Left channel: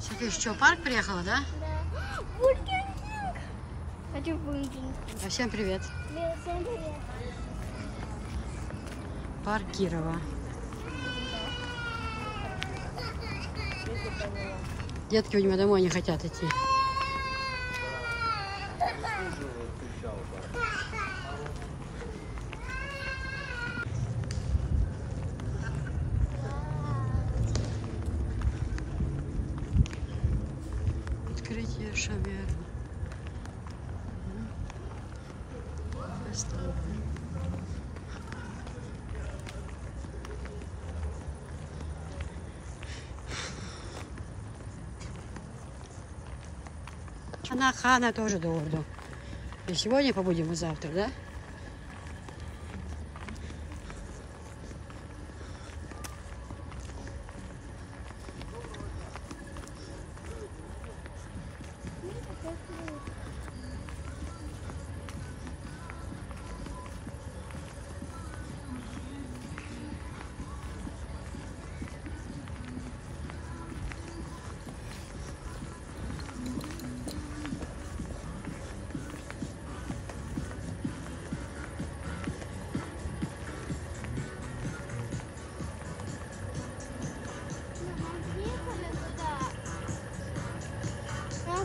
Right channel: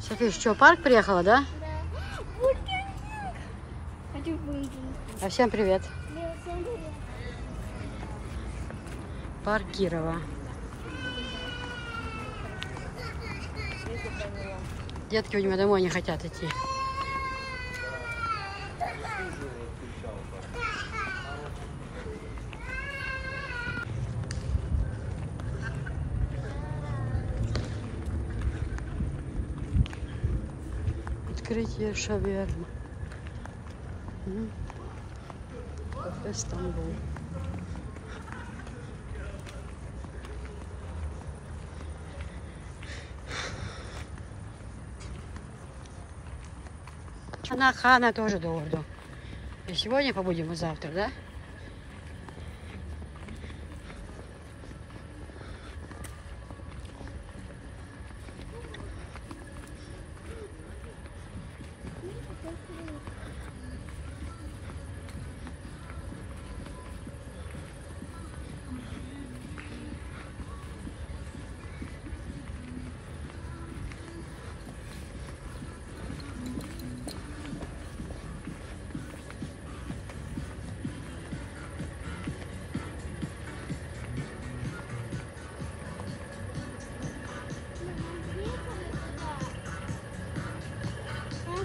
София, что, в парк приехала, да? Да. Бургер. Хочу бургер. А всем привет. Всем привет. Парк Кирова. Детки у него домой не хотят идти. Открытие шавермы. Кафе Стамбул. Хана тоже до Орду. И сегодня побудем, и завтра, да?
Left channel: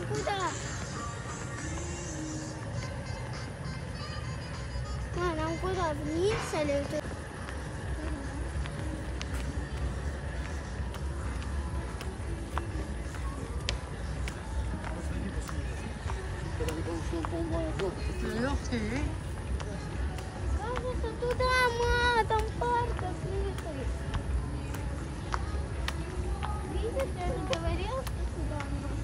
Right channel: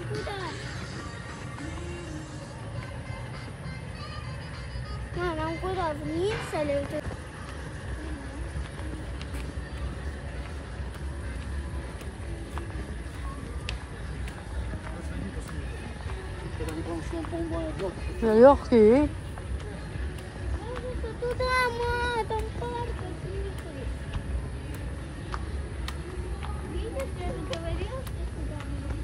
Куда? Нам куда? Вниз или туда? Легкий. Туда, ма, там парк открытый. Видишь, я говорил, что туда можно.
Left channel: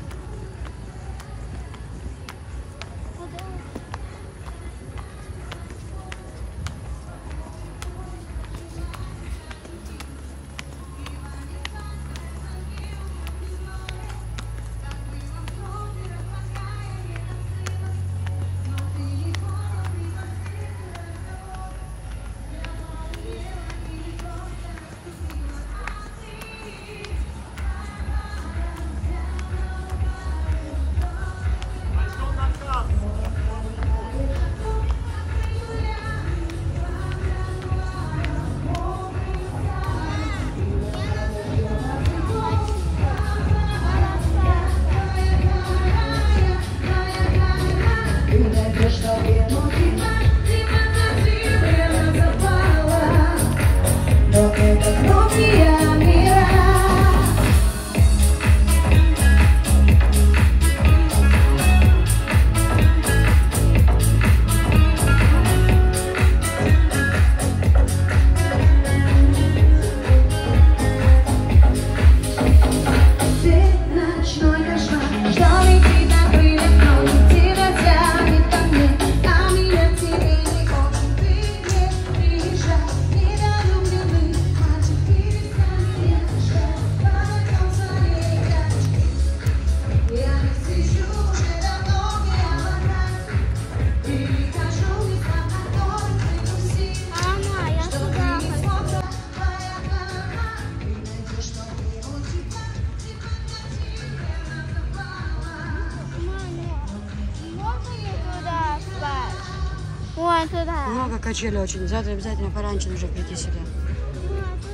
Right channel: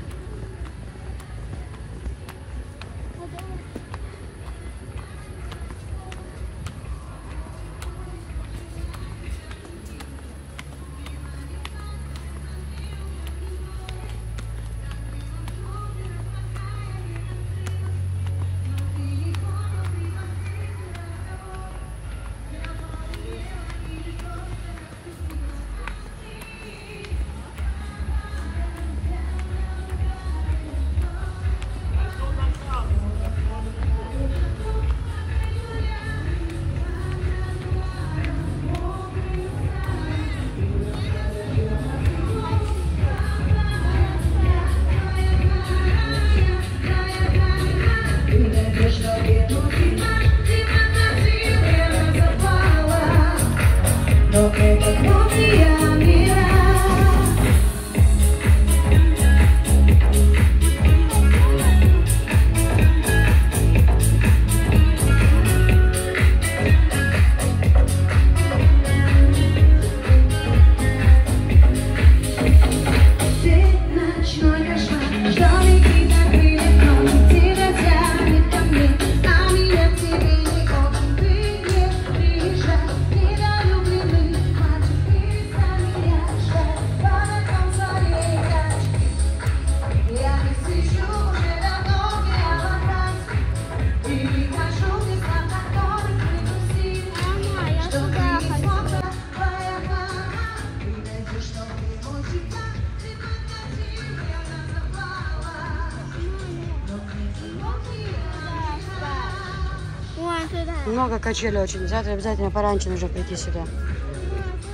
Много качелей очень. Завтра обязательно пораньше нужно прийти сюда.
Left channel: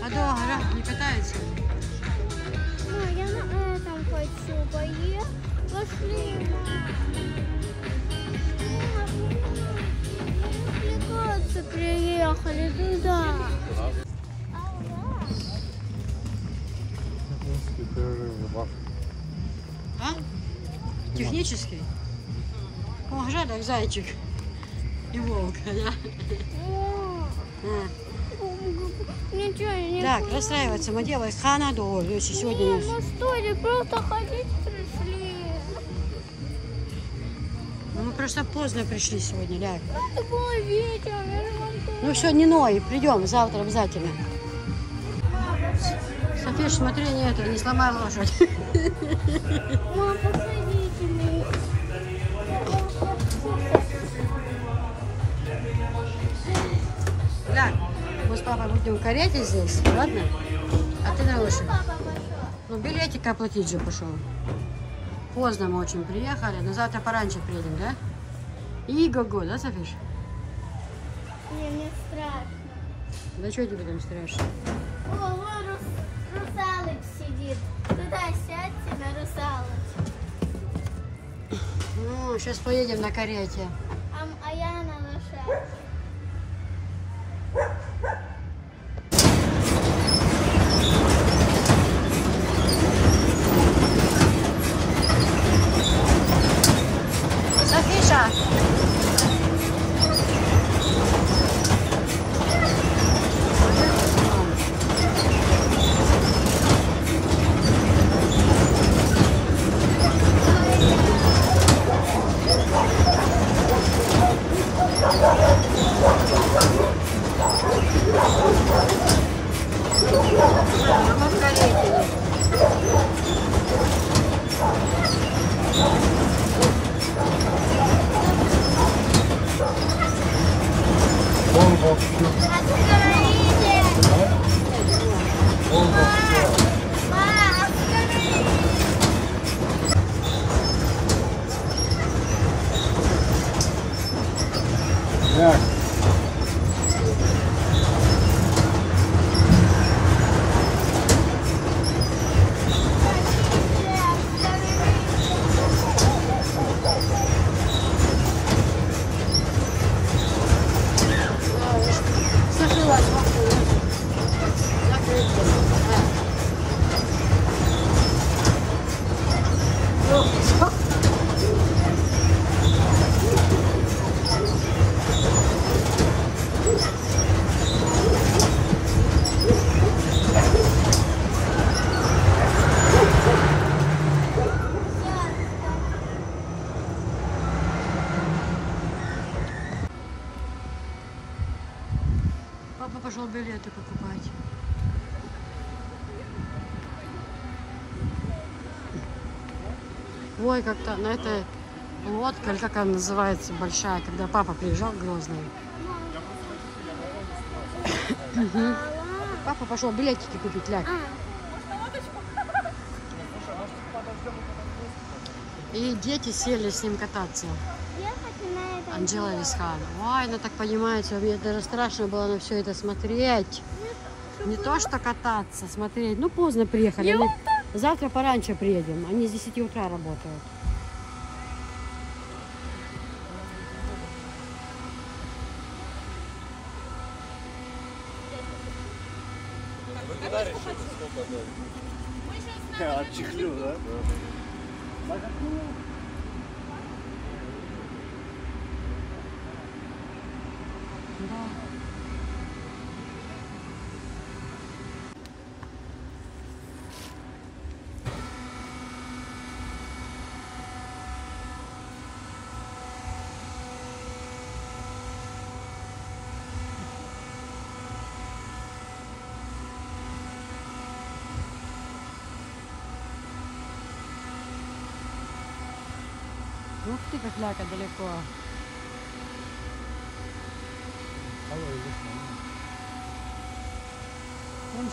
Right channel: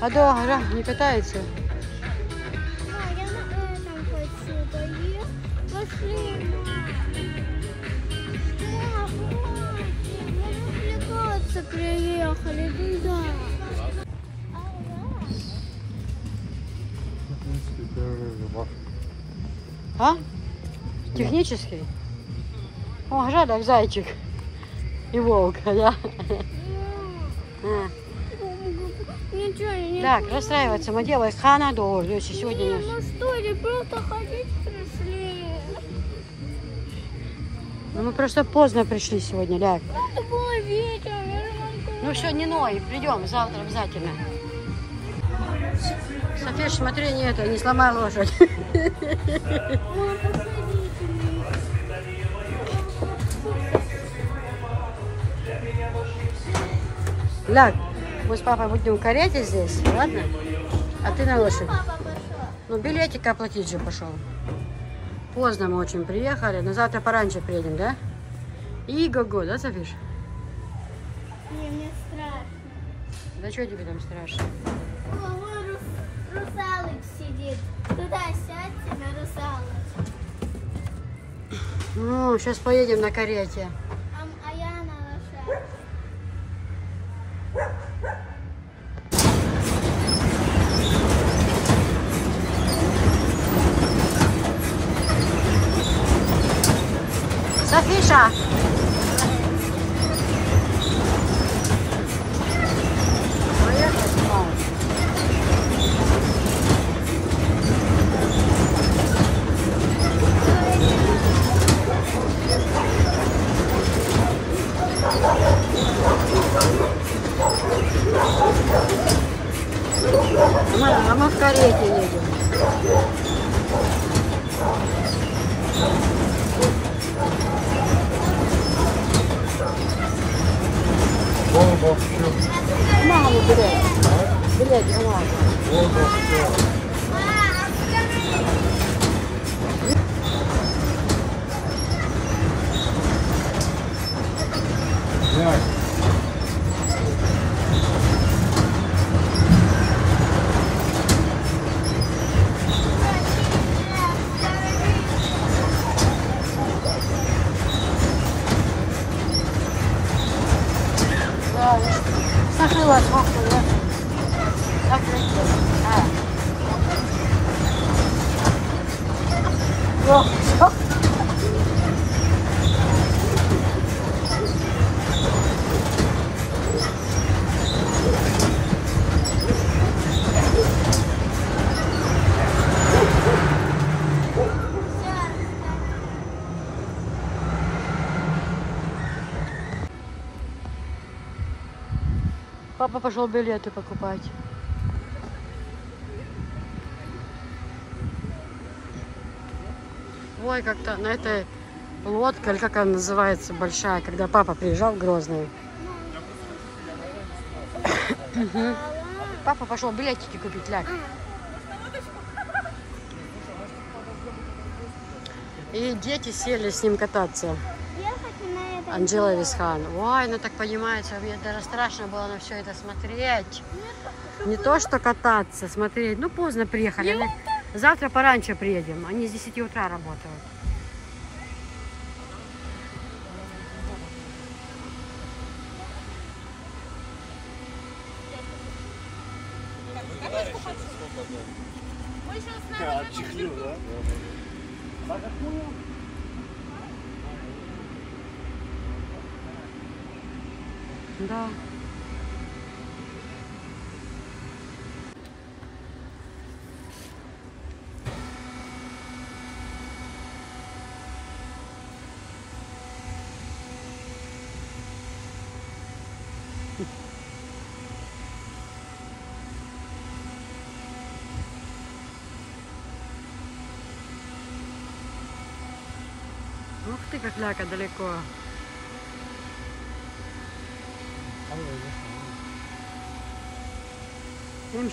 А дома не катается? Я на этом хочу. Пошли. Вот приехали туда. А? Технический? О, жаль, зайчик. И волк, да? Ничего, не так, расстраиваться. Мы делаем Хана до Орду. Если сегодня... Нет, ну что ли, просто ходить пришли. Ну, мы просто поздно пришли сегодня, Ляг. Это было вечером. Ну все, не ной, придем завтра обязательно. София, смотри, нету, не сломай лошадь. Мама, посадите меня. Ляг, мы с папой будем в карете здесь, ладно? А ты на лошадь. Ну, билетик оплатить же пошел. Поздно мы очень приехали. На завтра пораньше приедем, да? Иго-го, да, Софиш? Не, мне страшно. Да что тебе там страшно? О, вон русалыч сидит. Туда сядьте на русалыч. Ну, сейчас поедем на карете. А я на лошадке. Софиша! А мы в карете едем. Сошила шапку, да? Закрыть. Папа пошел билеты покупать. Ой, как-то на этой лодке, или как она называется, большая, когда папа приезжал в Грозный. Папа пошел билетики купить, ляг. И дети сели с ним кататься. Анжела Висхан. Ой, она так понимает, мне даже страшно было на все это смотреть. Не то, что кататься, смотреть. Ну, поздно приехали. Они... Завтра пораньше приедем. Они с 10 утра работают. Отчихлил, да? Да. Ух ты, как ляка далеко.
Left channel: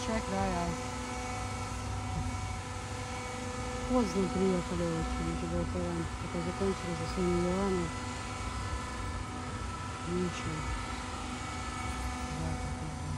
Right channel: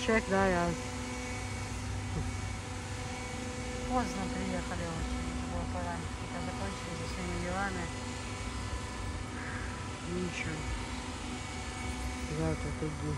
Чек, да, я. Поздно приехали очень, было пораньше, пока закончили за своими делами. Ничего. Завтра иди.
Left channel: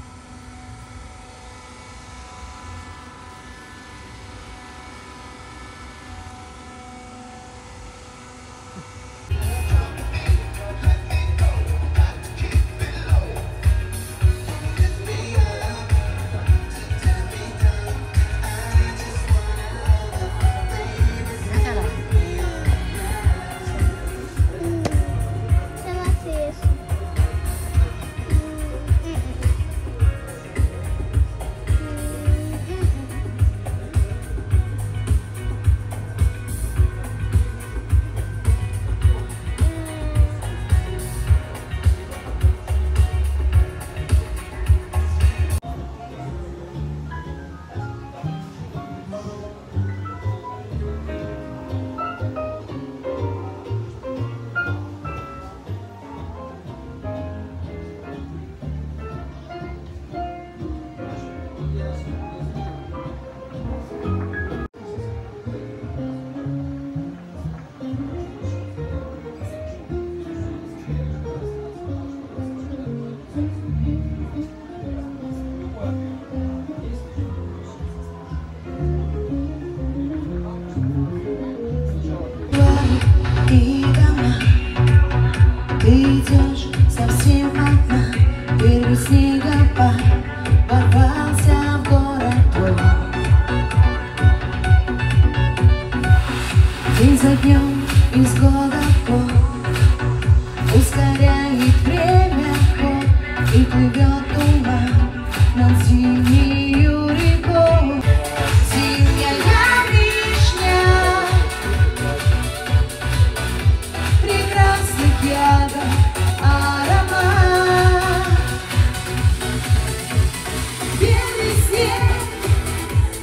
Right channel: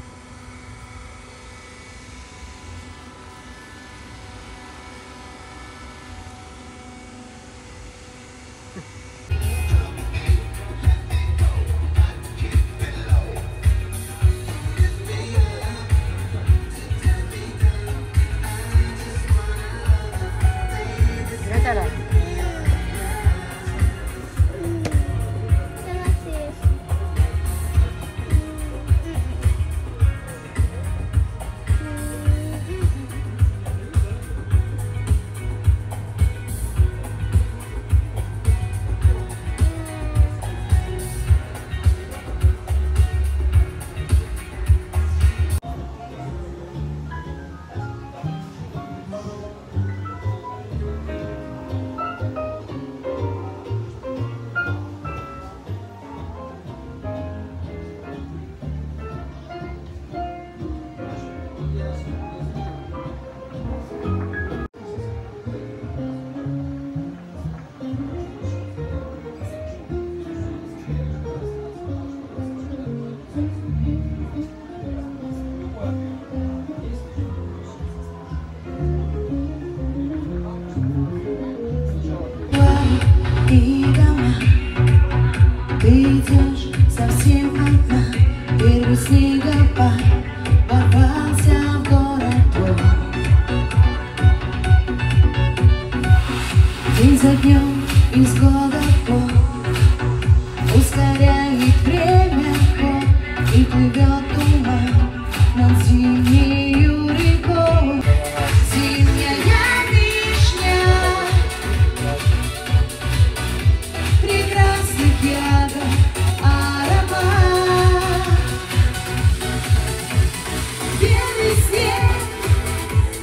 за днем из года в год ускоряет время ход и плывет туман над зимнею рекой. Зимняя вишня прекрасных ягод аромат. Белый снег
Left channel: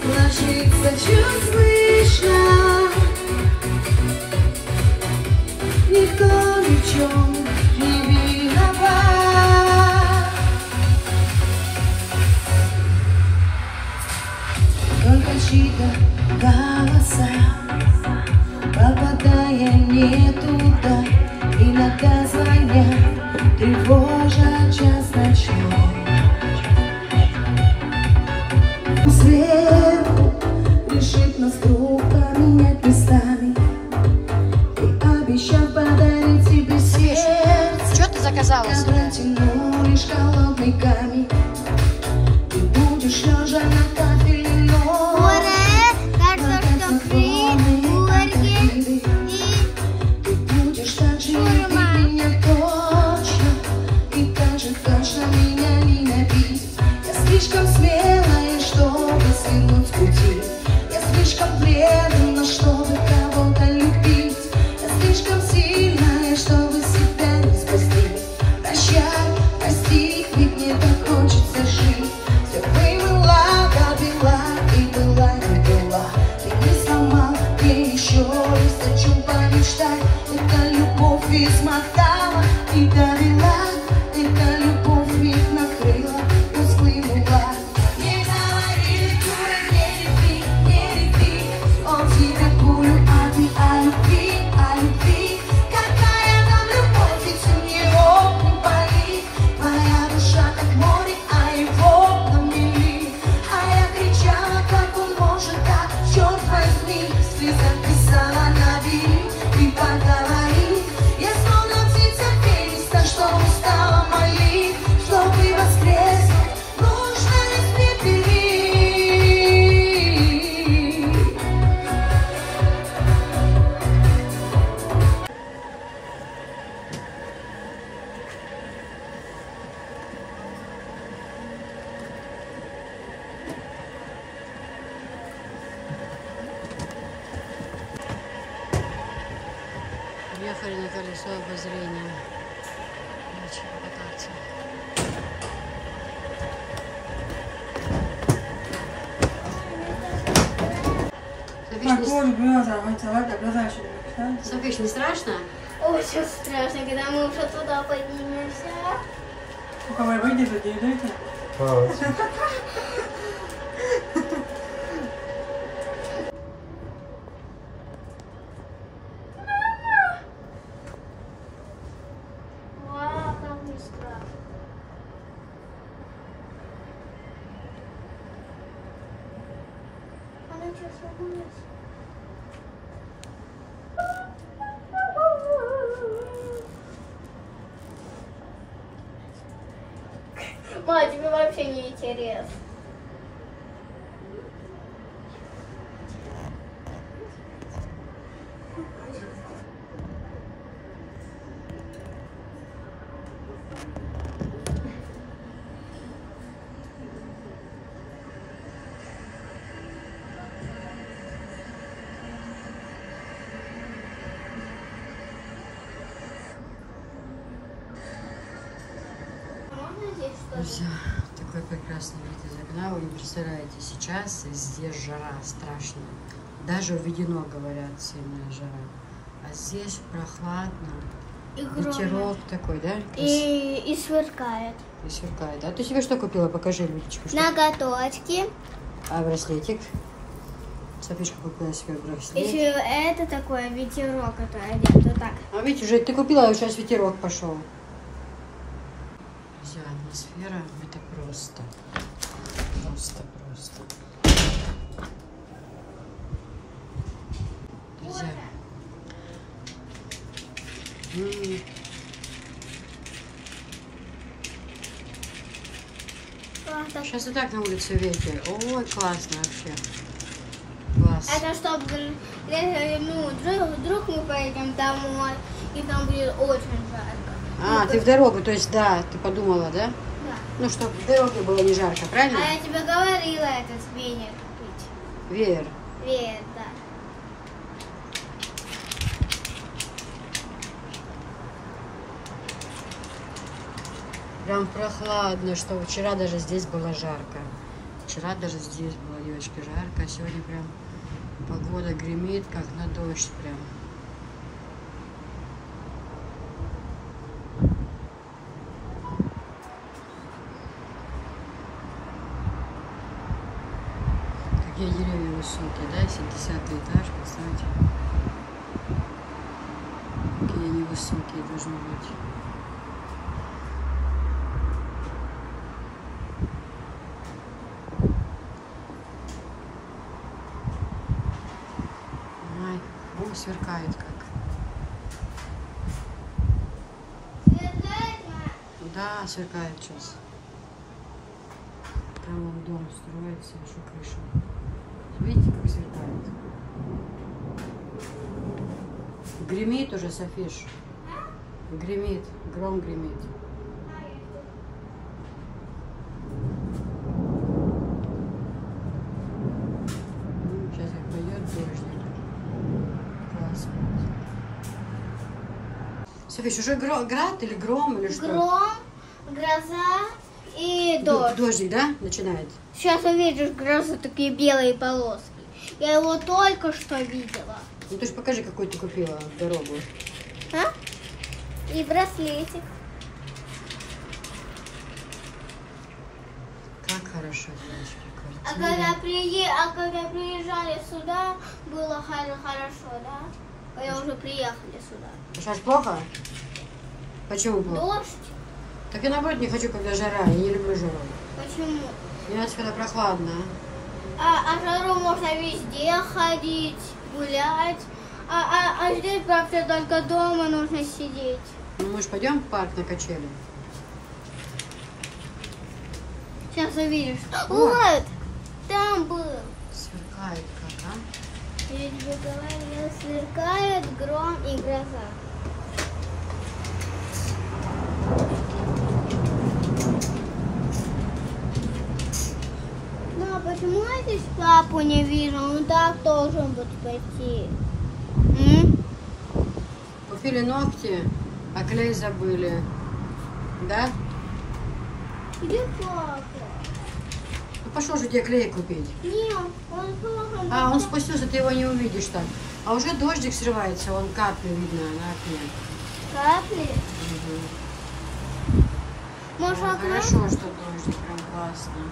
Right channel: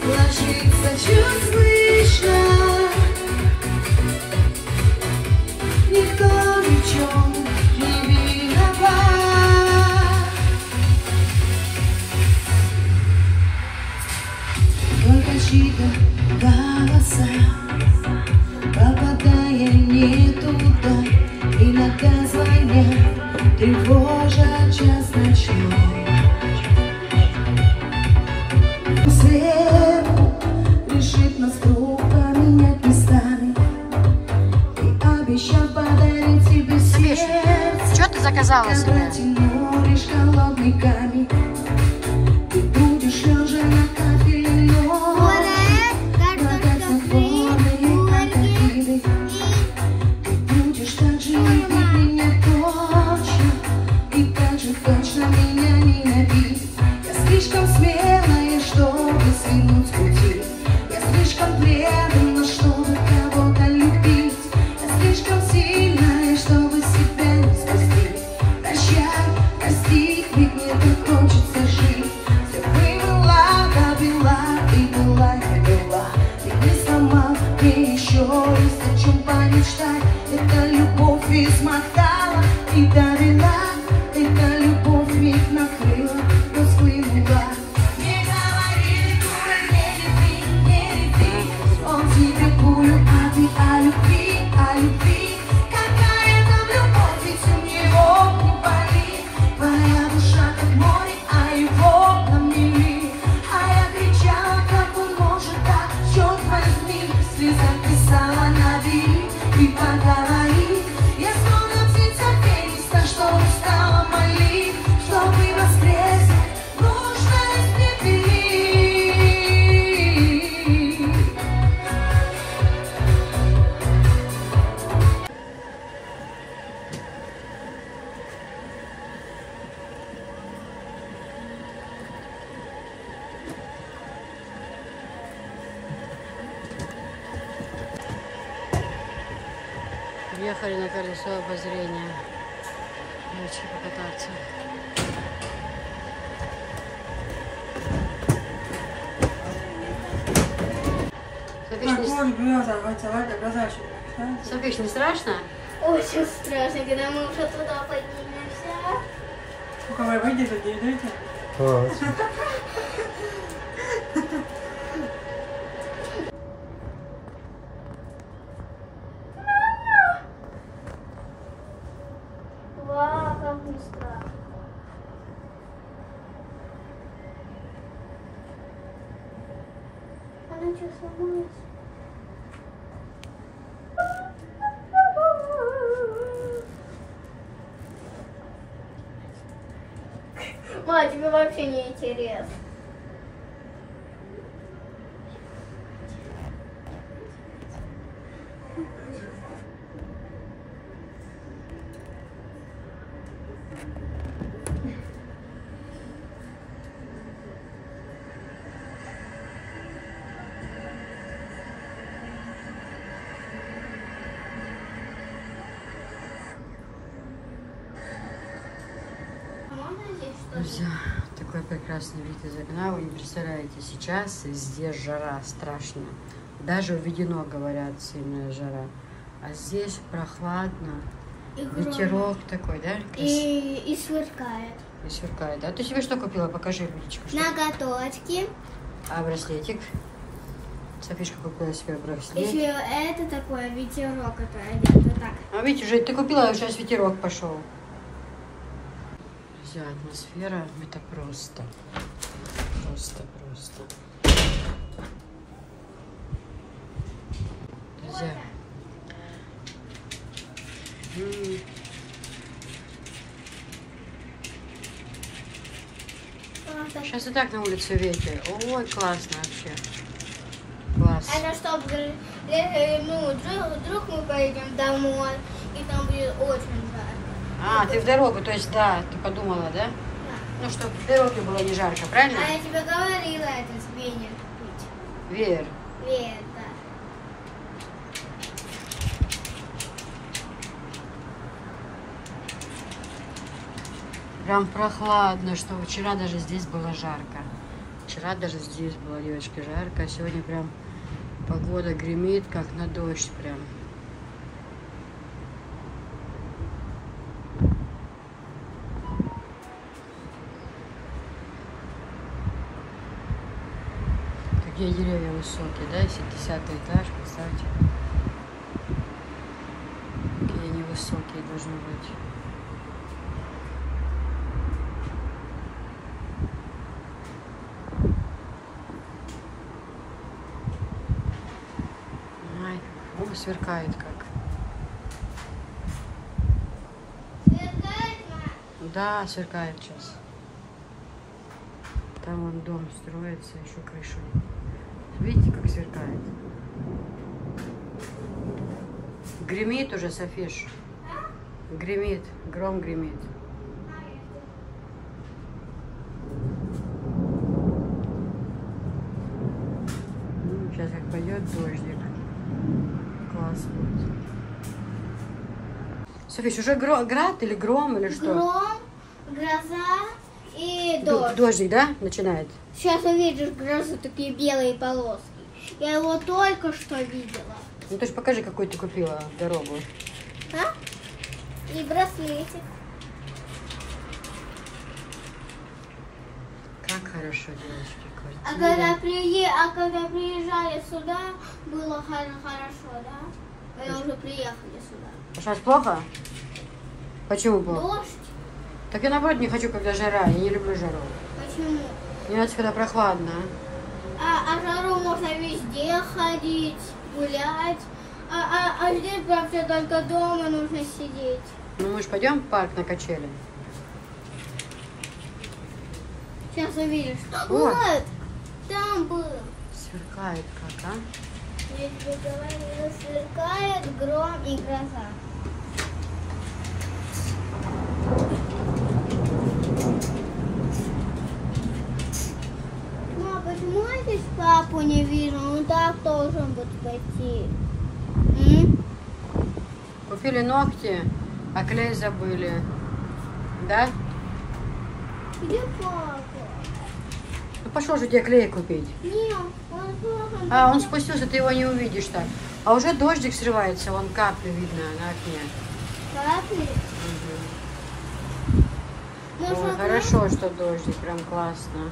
ложится чуть слышно. Никто ни в чем не виноват. Только чьи-то голоса, попадая не туда, иногда звонят, тревожат час ночной. Свет решит нас вдруг поменять местами. Обещал подарить тебе сердце. Что ты заказала себе? Лишь холодный камень. Ты будешь лежа на кафельной ночи. Картошка фри, бургер Ты будешь так же любить меня точно. И так же точно меня ненавидеть. Я слишком смелая, чтобы свернуть с пути. Я слишком преданна, чтобы кого-то любить. Слишком сильная, чтобы себя не спасти. Прощай, прости, ведь мне так хочется жить. Все привела, довела и была, не была. Ты не сломал, мне еще раз о чем помечтать. Это любовь измотала и довела. Это любовь миг накрыла, расплынула. Не говорили, дура, не лети. Он тебе пулю, а ты о любви, о любви. Какая там любовь, ведь у него не болит. Твоя душа как море, а его там мели. А я кричала, как он может так, черт возьми. Слеза писала на двери и поговорит. Я словно птица фениста, что устала молить. Чтобы воскреснуть, нужно испепелить. Ехали на колесо обозрения. Очень покататься. Софиш, не страшно? Очень страшно, когда мы уже туда поднимемся. Вау, как низко. Она что, сломалась? Ма, тебе вообще не интересно. Друзья, такой прекрасный вид из окна. Вы не представляете, сейчас здесь жара страшная. Даже введено, говорят, сильная жара. А здесь прохладно. И Ветерок такой, да? И сверкает. И сверкает. А ты себе что купила? Покажи, Людочка. Что? Ноготочки. А браслетик? Софишка купила себе браслет. Еще это такое ветерок, это одет вот так. А видите, уже ты купила, а сейчас ветерок пошел. Друзья, атмосфера это просто. Просто. Друзья. Сейчас и так на улице ветер. Ой, классно вообще. Класс. Это чтобы вдруг мы поедем домой, и там будет очень жарко. А, ты в дорогу, то есть, да, ты подумала, да? Да. Ну, чтобы в дороге было не жарко, правильно? А я тебе говорила это с Веней купить. Веер. Веер, да. Прям прохладно, что вчера даже здесь было жарко. Вчера даже здесь было, девочки, жарко. А сегодня прям погода гремит, как на дождь прям. Какие деревья высокие, да? Если 10-й этаж, представьте. Какие они высокие должны быть. Ай, о, сверкает как. Да, сверкает сейчас. Там вон дом строится, еще крыша. Видите, как сверкает? Гремит уже, Софиш. Гремит, гром гремит. Сейчас как пойдет дождик. Класс будет. Софиш, уже град или гром, или что? Гром, гроза и дождь. Дождик, да, начинает? Сейчас увидишь грозу, такие белые полоски. Я его только что видела. Ну, ты же покажи, какой ты купила в дорогу. А? И браслетик. Как хорошо, девочки. А Квартира. когда приезжали сюда, было хорошо, да? Когда уже приехали сюда. Сейчас плохо? Почему плохо? Дождь? Так я наоборот не хочу, когда жара. Я не люблю жару. Почему? Мне нравится, когда прохладно. А жару можно везде ходить, гулять. А здесь вообще только дома нужно сидеть. Ну, мы же пойдем в парк на качели. Сейчас увидишь. О! Вот! Там был. Сверкает как, а? Я тебе говорила, сверкает гром и гроза. Ну, а почему я здесь папу не вижу? Он так должен быть пойти. Купили ногти, а клей забыли. Да? Где папа? Ну, пошел же тебе клей купить. Нет, он должен А, он быть. спустился, ты его не увидишь так. А уже дождик срывается, вон капли видно на окне. Капли? Может, Ой, хорошо, что дождик, прям классно.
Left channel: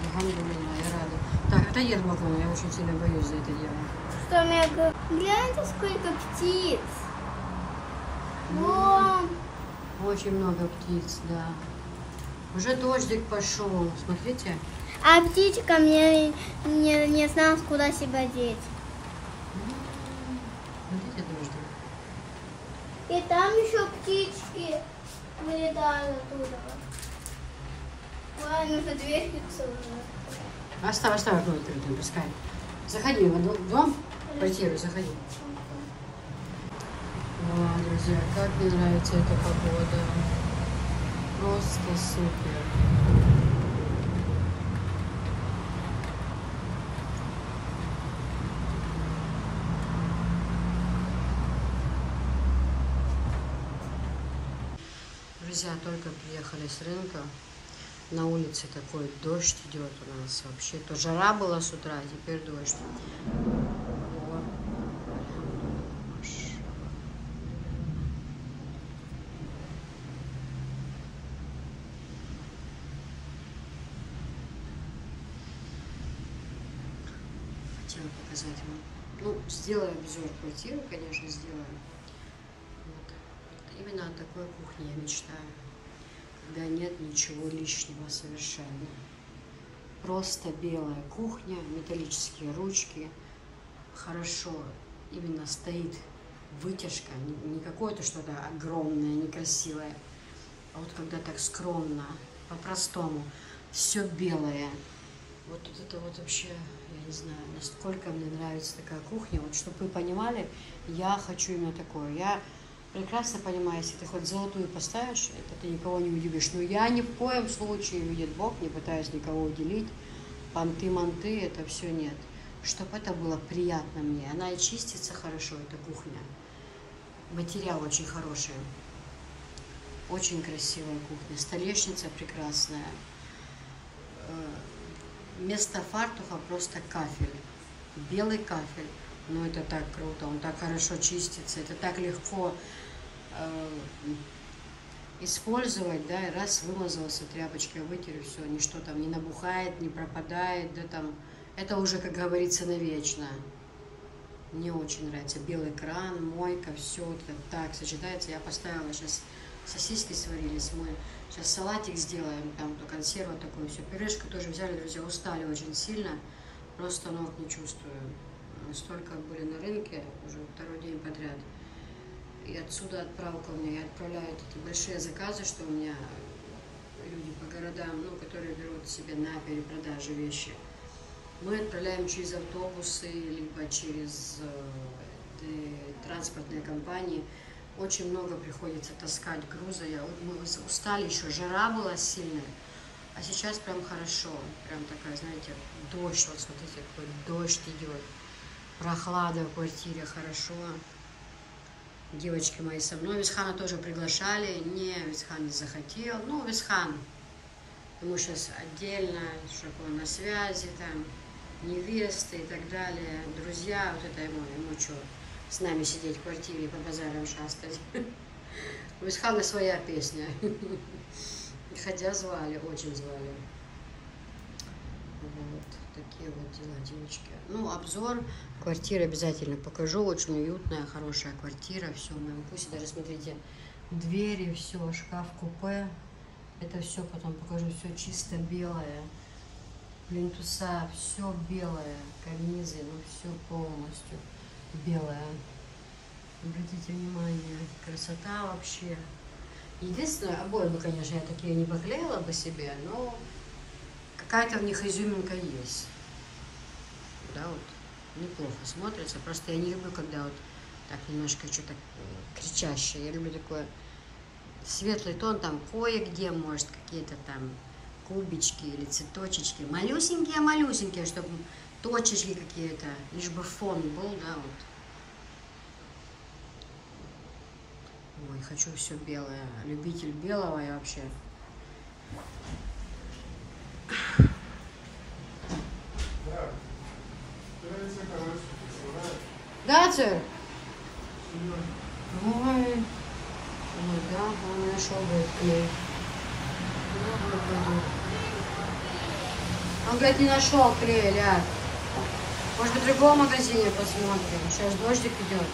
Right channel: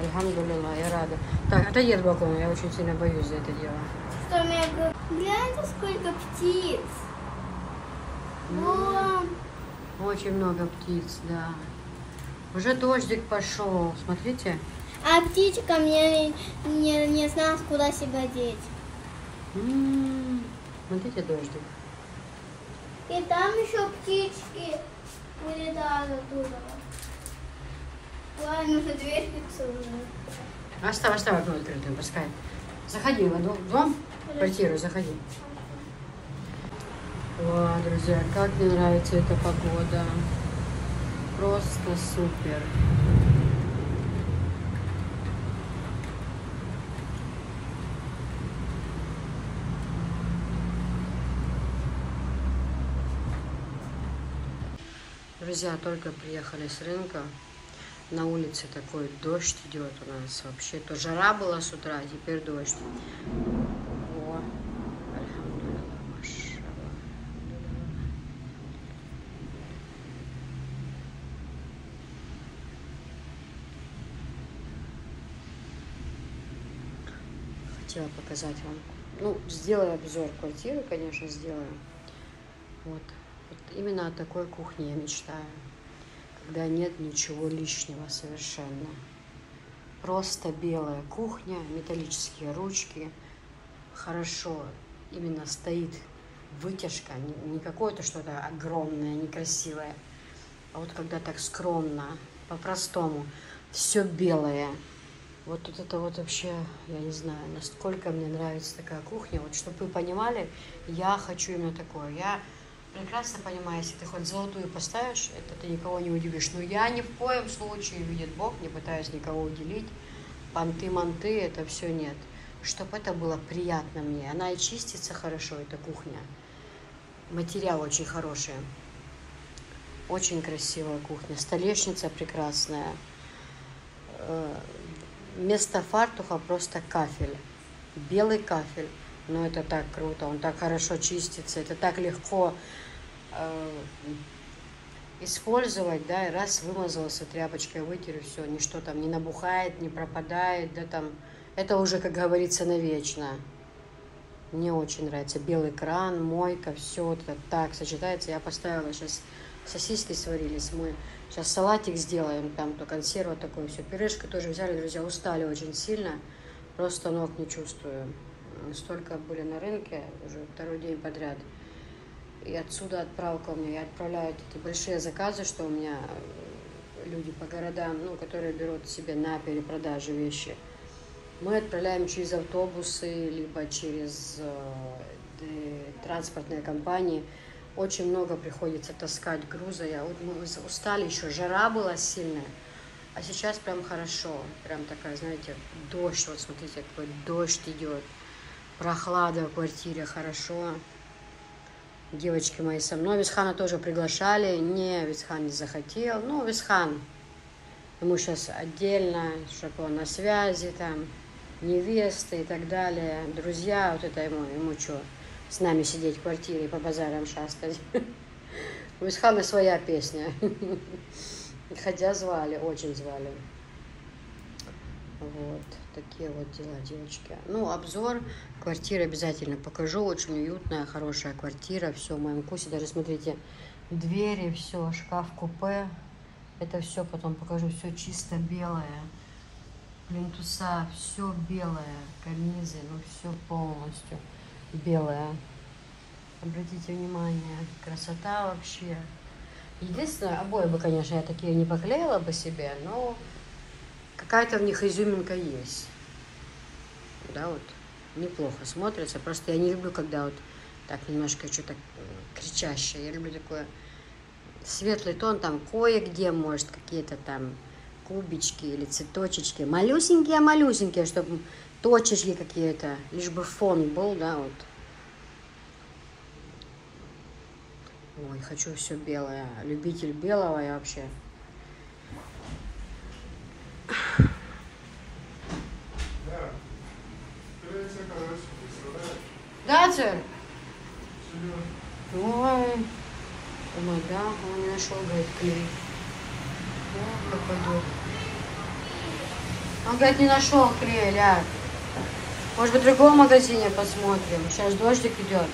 Альхамдулилла, я рада. Так, отойди от балкона, я очень сильно боюсь за это дело. Что мне говорит? Гляньте, сколько птиц. Вон. Очень много птиц, да. Уже дождик пошел, смотрите. А птичка мне не знала, куда себя деть. Смотрите дождик. И там еще птички вылетают оттуда. Ладно, нужно дверь фиксировать. Оставь окно открытым, пускай. Заходи в дом, в квартиру, заходи. О, друзья, как мне нравится эта погода. Просто супер. Друзья, только приехали с рынка. На улице такой дождь идет у нас вообще. То жара была с утра, а теперь дождь. Вот. Хотела показать вам. Ну, сделаю обзор квартиры, конечно, сделаю. Вот. Именно о такой кухне я мечтаю. Когда нет ничего лишнего совершенно. Просто белая кухня, металлические ручки. Хорошо именно стоит вытяжка, не какое-то что-то огромное, некрасивое. А вот когда так скромно, по-простому, все белое. Вот тут это вот вообще, я не знаю, насколько мне нравится такая кухня. Вот чтобы вы понимали, я хочу именно такое. Я прекрасно понимаю, если ты хоть золотую поставишь, это ты никого не удивишь. Но я ни в коем случае, видит Бог, не пытаюсь никого уделить. Понты-манты, это все нет. Чтобы это было приятно мне. Она и чистится хорошо, эта кухня. Материал очень хороший. Очень красивая кухня. Столешница прекрасная. Вместо фартуха просто кафель. Белый кафель. Но это так круто. Он так хорошо чистится. Это так легко использовать, да, и раз вымазался тряпочкой, вытер, и все, ничто там не набухает, не пропадает, да, там, это уже, как говорится, навечно. Мне очень нравится белый кран, мойка, все вот это так сочетается. Я поставила сейчас, сосиски сварились, мы сейчас салатик сделаем, там то консерва такое, все, пюрешку тоже взяли, друзья, устали очень сильно, просто ног не чувствую. Столько были на рынке, уже второй день подряд. И отсюда отправка у меня, я отправляю эти большие заказы, что у меня люди по городам, ну, которые берут себе на перепродажи вещи. Мы отправляем через автобусы, либо через транспортные компании. Очень много приходится таскать груза. Мы устали еще, жара была сильная. А сейчас прям хорошо, прям такая, знаете, дождь, вот смотрите, какой дождь идет. Прохлада в квартире, хорошо. Девочки мои со мной. Висхана тоже приглашали. Не, Висхан не захотел. Ну, Висхан, ему сейчас отдельно, чтобы он на связи, там, невесты и так далее. Друзья, вот это ему что, с нами сидеть в квартире и по базарам шастать. У Висхана своя песня. Хотя звали, очень звали. Вот, такие вот дела, девочки. Ну, обзор квартиры обязательно покажу. Очень уютная, хорошая квартира. Все в моем вкусе. Даже смотрите, двери, все, шкаф-купе. Это все потом покажу. Все чисто белое. Плинтуса, все белое. Карнизы, ну все полностью белое. Обратите внимание, красота вообще. Единственное, обои бы, конечно, я такие не поклеила бы себе, но какая-то в них изюминка есть. Да, вот. Неплохо смотрится. Просто я не люблю, когда вот так немножко что-то кричащее. Я люблю такой светлый тон, там кое-где, может, какие-то там кубички или цветочечки. Малюсенькие, чтобы точечки какие-то, лишь бы фон был, да, вот. Ой, хочу все белое. Любитель белого я вообще. Да, сэр? Ой, да, он не нашел, говорит, клей. Он, говорит, не нашел клей, ляг. Может быть, в другом магазине посмотрим. Сейчас дождик идет.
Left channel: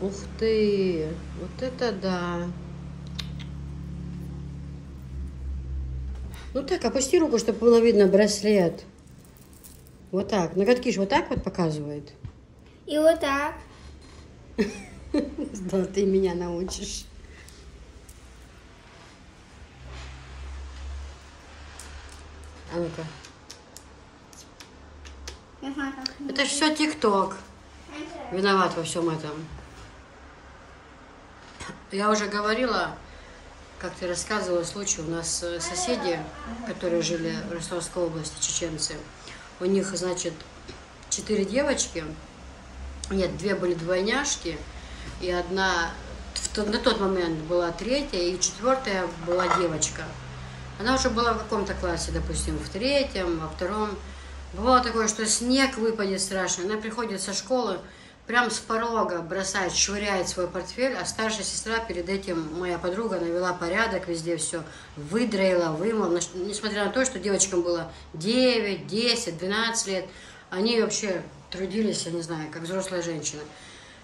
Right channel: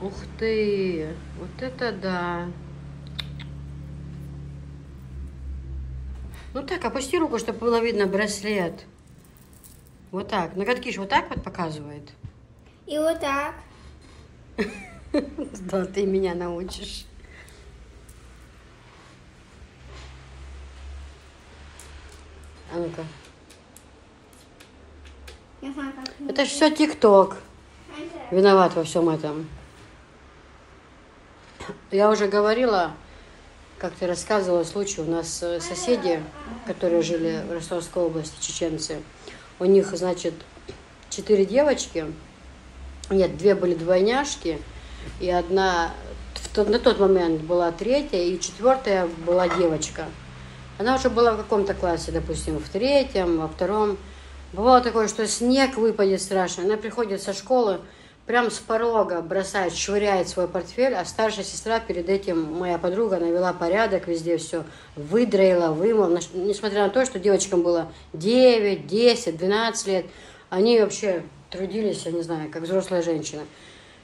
Ух ты, вот это да. Ну так, опусти руку, чтобы было видно браслет. Вот так. Ноготки же вот так вот показывает. И вот так. Да, ты меня научишь. А ну-ка. Это же все ТикТок. Виноват во всем этом. Я уже говорила, как-то рассказывала случай, у нас соседи, которые жили в Ростовской области, чеченцы, у них, значит, 4 девочки, нет, 2 были двойняшки, и одна, на тот момент была 3-я, и 4-я была девочка. Она уже была в каком-то классе, допустим, в 3-м, во 2-м. Бывало такое, что снег выпадет страшно, она приходит со школы, прям с порога бросает, швыряет свой портфель, а старшая сестра перед этим, моя подруга, навела порядок, везде все выдроила, вымыла. Несмотря на то, что девочкам было 9, 10, 12 лет, они вообще трудились, я не знаю, как взрослая женщина.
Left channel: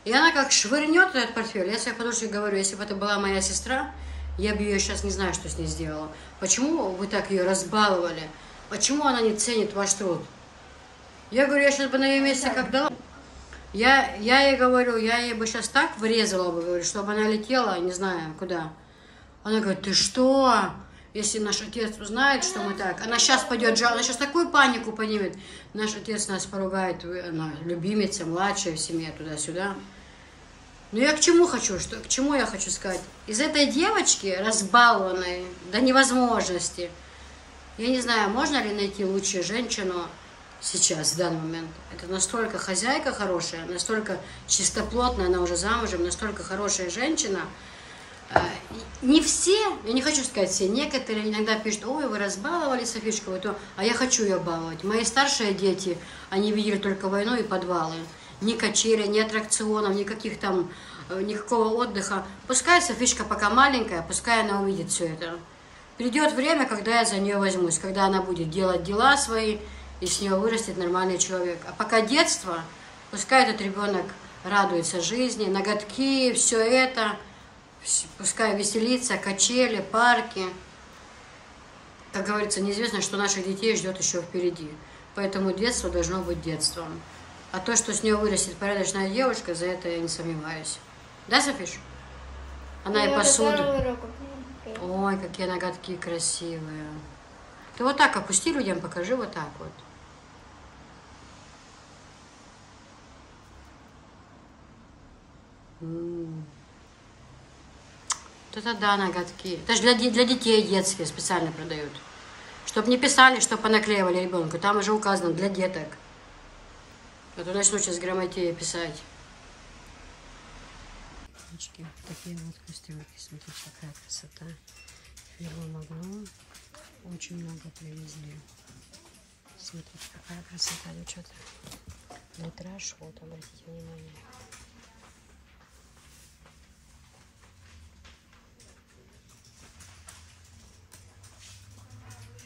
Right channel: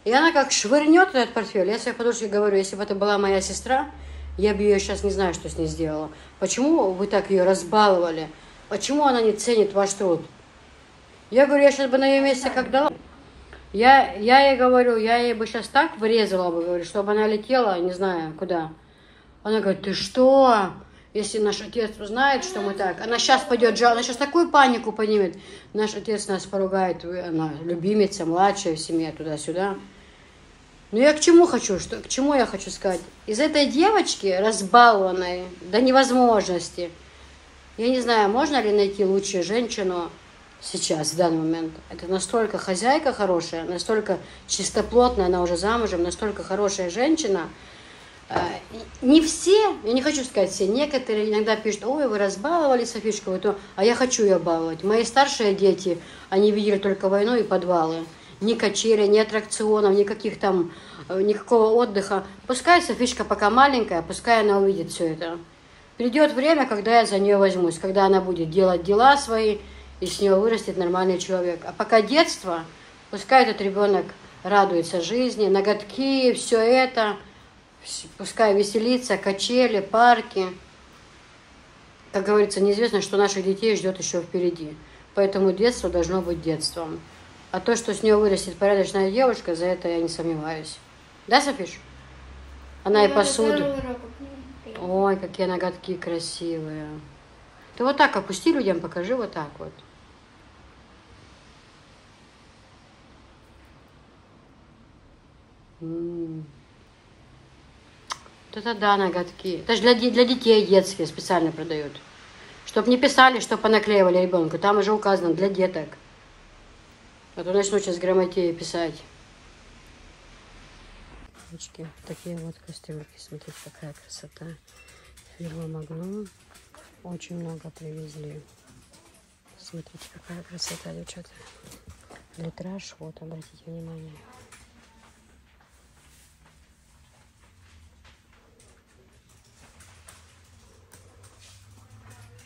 И она как швырнет этот портфель. Я своей подружке говорю, если бы это была моя сестра, я бы ее сейчас не знаю, что с ней сделала. Почему вы так ее разбаловали? Почему она не ценит ваш труд? Я говорю, я сейчас бы на ее месте как дала. Я ей говорю, я ей бы сейчас так врезала бы, говорю, чтобы она летела, не знаю, куда. Она говорит, ты что? Если наш отец узнает, что мы так, она сейчас пойдет, она сейчас такую панику поднимет. Наш отец нас поругает, она любимица, младшая в семье, туда-сюда. Но я к чему хочу, к чему я хочу сказать? Из этой девочки, разбалованной до невозможности, я не знаю, можно ли найти лучшую женщину сейчас, в данный момент. Это настолько хозяйка хорошая, настолько чистоплотная, она уже замужем, настолько хорошая женщина. Не все, я не хочу сказать все, некоторые иногда пишут, ой, вы разбаловали Софишку, а я хочу ее баловать. Мои старшие дети, они видели только войну и подвалы. Ни качели, ни аттракционов, никаких там, никакого отдыха. Пускай Софишка пока маленькая, пускай она увидит все это. Придет время, когда я за нее возьмусь, когда она будет делать дела свои, и с нее вырастет нормальный человек. А пока детство, пускай этот ребенок радуется жизни, ноготки, все это, пускай веселится, качели, парки. Как говорится, неизвестно, что наших детей ждет еще впереди. Поэтому детство должно быть детством. А то, что с нее вырастет порядочная девушка, за это я не сомневаюсь. Да, Софиш? Она и посуду. Ой, какие ноготки красивые. Ты вот так опусти людям, покажи вот так вот. Вот это да, ноготки. Это же для детей детские специально продают. Чтоб не писали, что понаклеивали ребенку. Там уже указано для деток. А то начну сейчас грамотеи писать. Девочки, такие вот кастрюльки. Смотрите, какая красота. Фирма Магнум. Очень много привезли. Смотрите, какая красота, девчата. Литраж, вот, обратите внимание.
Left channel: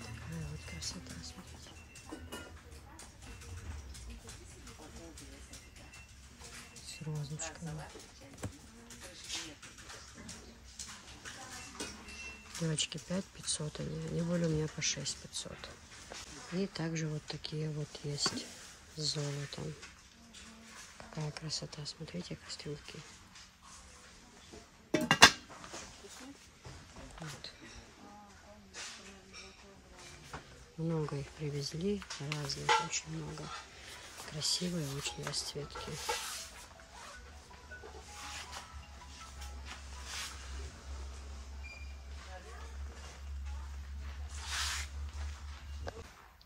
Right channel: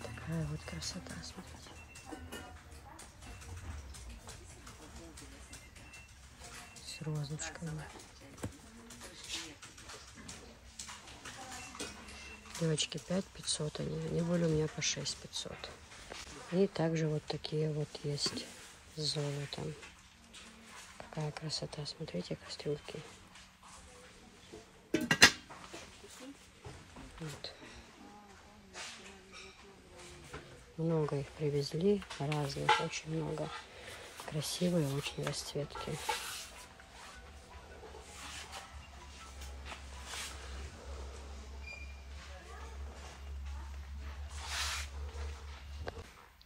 Такая вот красота, смотрите. С розочками. Девочки, 5500 они были у меня по 6500. И также вот такие вот есть с золотом. Какая красота, смотрите, кастрюльки. Вот. Много их привезли, разных, очень много. Красивые очень расцветки.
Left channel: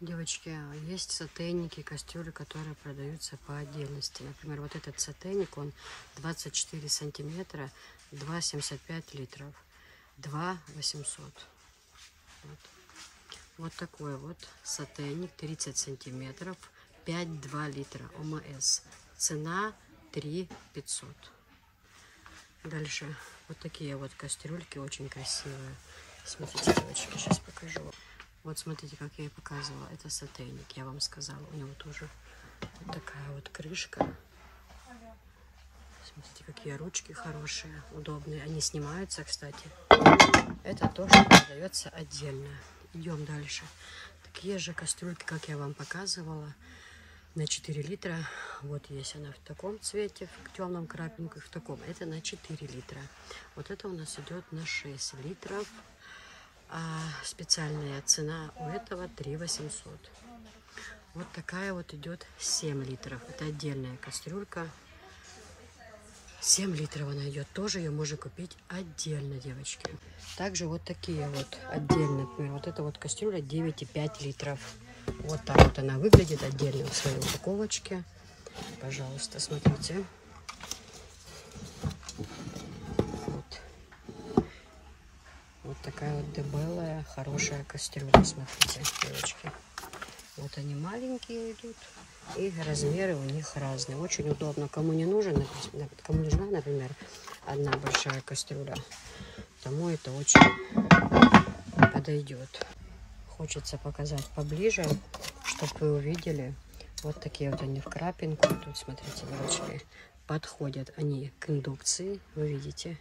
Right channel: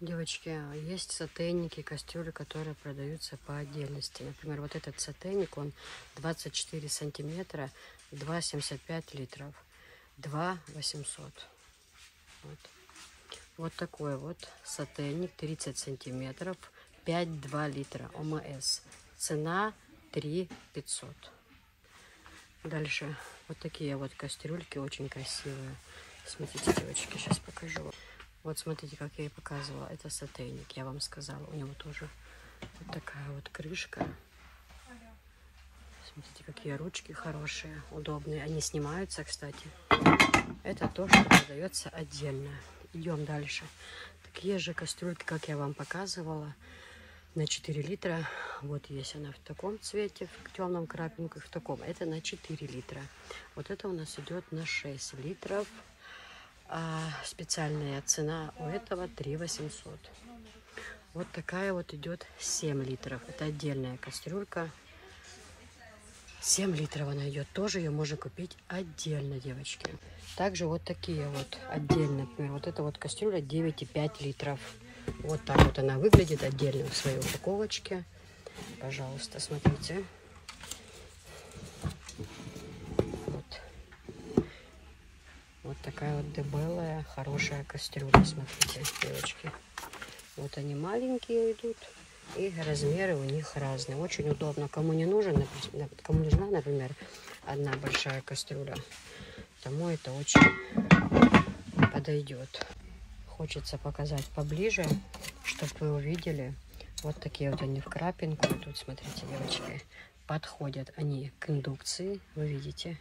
Девочки, есть сотейники, кастрюли, которые продаются по отдельности. Например, вот этот сотейник, он 24 сантиметра, 2,75 литров, 2,800. Вот. Вот такой вот сотейник, 30 сантиметров, 5,2 литра, ОМС. Цена 3,500. Дальше вот такие вот кастрюльки, очень красивые. Смотрите, девочки, сейчас покажу. Вот смотрите, как я и показывала. Это сотейник, я вам сказала. У него тоже вот такая вот крышка. Смотрите, какие ручки хорошие, удобные. Они снимаются, кстати. Это то, что продается отдельно. Идем дальше. Такие же кастрюльки, как я вам показывала, на 4 литра. Вот есть она в таком цвете, в темном крапинку, и в таком. Это на 4 литра. Вот это у нас идет на 6 литров. А специальная цена у этого 3,800. Вот такая вот идет 7 литров. Это отдельная кастрюлька. 7 литров она идет. Тоже ее можно купить отдельно, девочки. Также вот такие вот отдельно. Например, вот эта вот кастрюля 9,5 литров. Вот так вот она выглядит отдельно в своей упаковочке. Пожалуйста, смотрите. Вот такая вот дебелая, хорошая кастрюля, смотрите, девочки. Вот они маленькие идут, и размеры у них разные. Очень удобно. Кому не нужен, кому нужна, например, одна большая кастрюля, тому это очень подойдет. Хочется показать поближе, чтобы вы увидели. Вот такие вот они в крапинку. Тут, смотрите, девочки, подходят они к индукции, вы видите.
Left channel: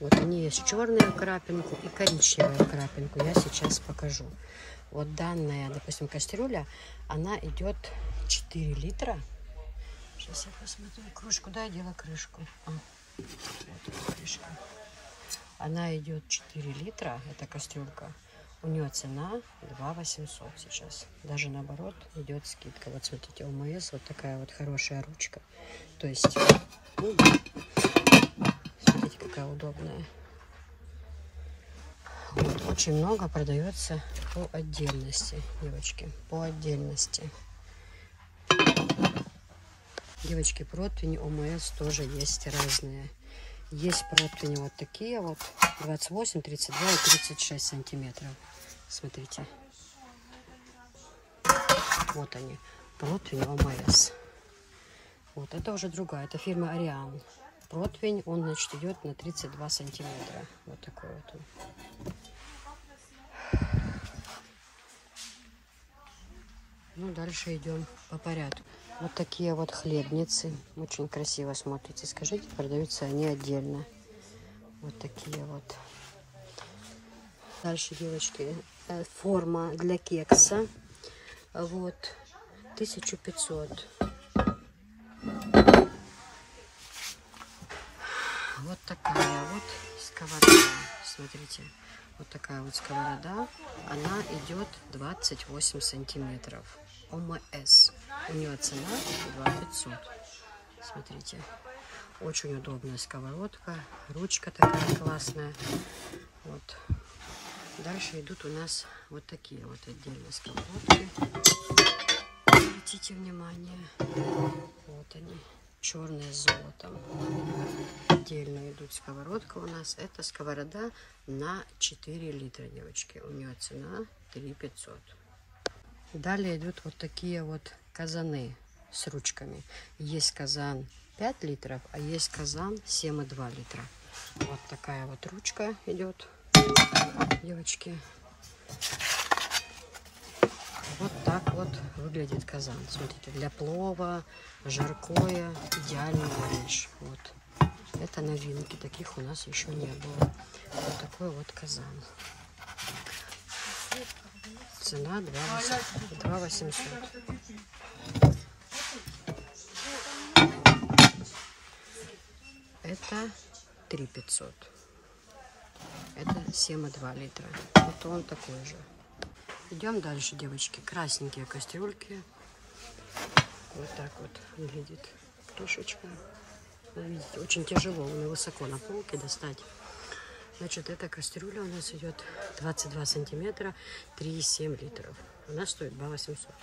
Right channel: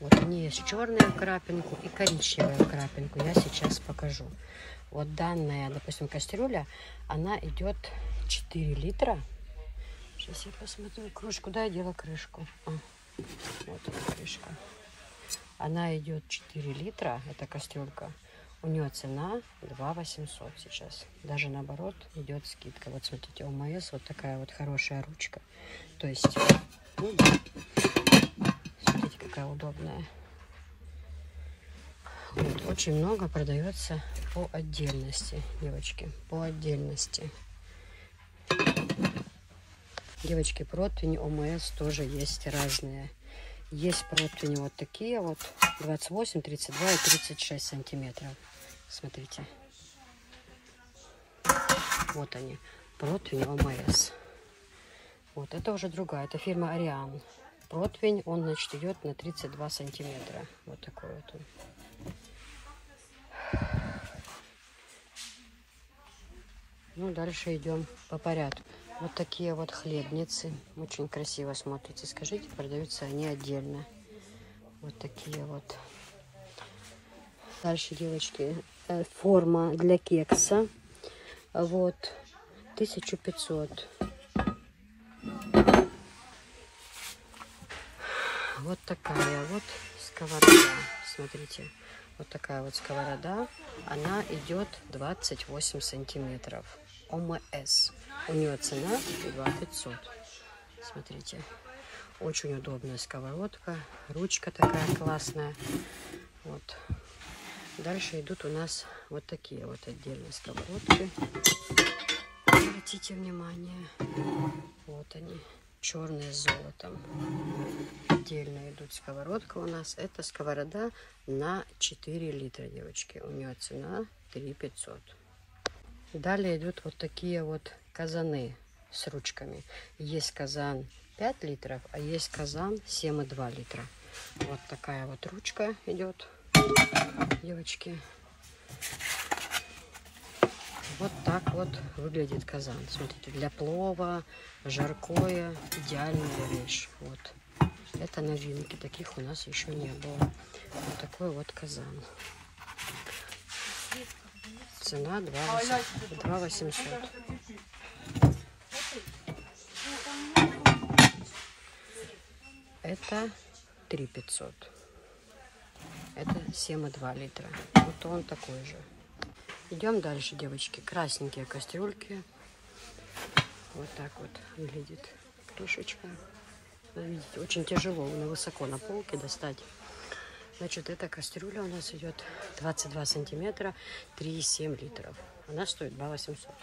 Вот они есть черную крапинку и коричневую крапинку. Я сейчас покажу. Вот данная, допустим, кастрюля, она идет 4 литра. Сейчас я посмотрю кружку. Да, я делала крышку. Вот она крышка. Она идет 4 литра. Это кастрюлька. У нее цена 2 800 сейчас. Даже наоборот идет скидка. Вот смотрите, ОМС вот такая вот хорошая ручка. То есть, ну, смотрите, какая удобная. Вот, очень много продается по отдельности, девочки, по отдельности. Девочки, противни ОМС тоже есть разные. Есть противни вот такие вот, 28, 32 и 36 сантиметров. Смотрите. Вот они, противни ОМС. Вот, это уже другая, это фирма Ариан. Противень, он, значит, идет на 32 сантиметра. Вот такой вот он. Ну, дальше идем по порядку. Вот такие вот хлебницы. Очень красиво смотрите. Скажите, продаются они отдельно. Вот такие вот. Дальше, девочки, форма для кекса. Вот, 1500. Вот такая вот сковорода. Смотрите, вот такая вот сковорода. Она идет 28 сантиметров. ОМС. У нее цена 2500. Смотрите, очень удобная сковородка, ручка такая классная. Вот. Дальше идут у нас вот такие вот отдельные сковородки. Обратите внимание, вот они, черные с золотом. Отдельно идут сковородка у нас. Это сковорода на 4 литра, девочки. У нее цена 3500. Далее идут вот такие вот казаны с ручками. Есть казан 5 литров, а есть казан 7,2 литра. Вот такая вот ручка идет, девочки. Вот так вот выглядит казан. Смотрите, для плова, жаркое, идеальная вещь. Вот. Это новинки, таких у нас еще не было. Вот такой вот казан. Цена 2 800. Это 3 500. Это 7,2 литра. Вот он такой же. Идем дальше, девочки. Красненькие кастрюльки. Вот так вот выглядит крышечка. Вы видите, очень тяжело, высоко на полке достать. Значит, эта кастрюля у нас идет 22 сантиметра, 3,7 литров. Она стоит 2 800.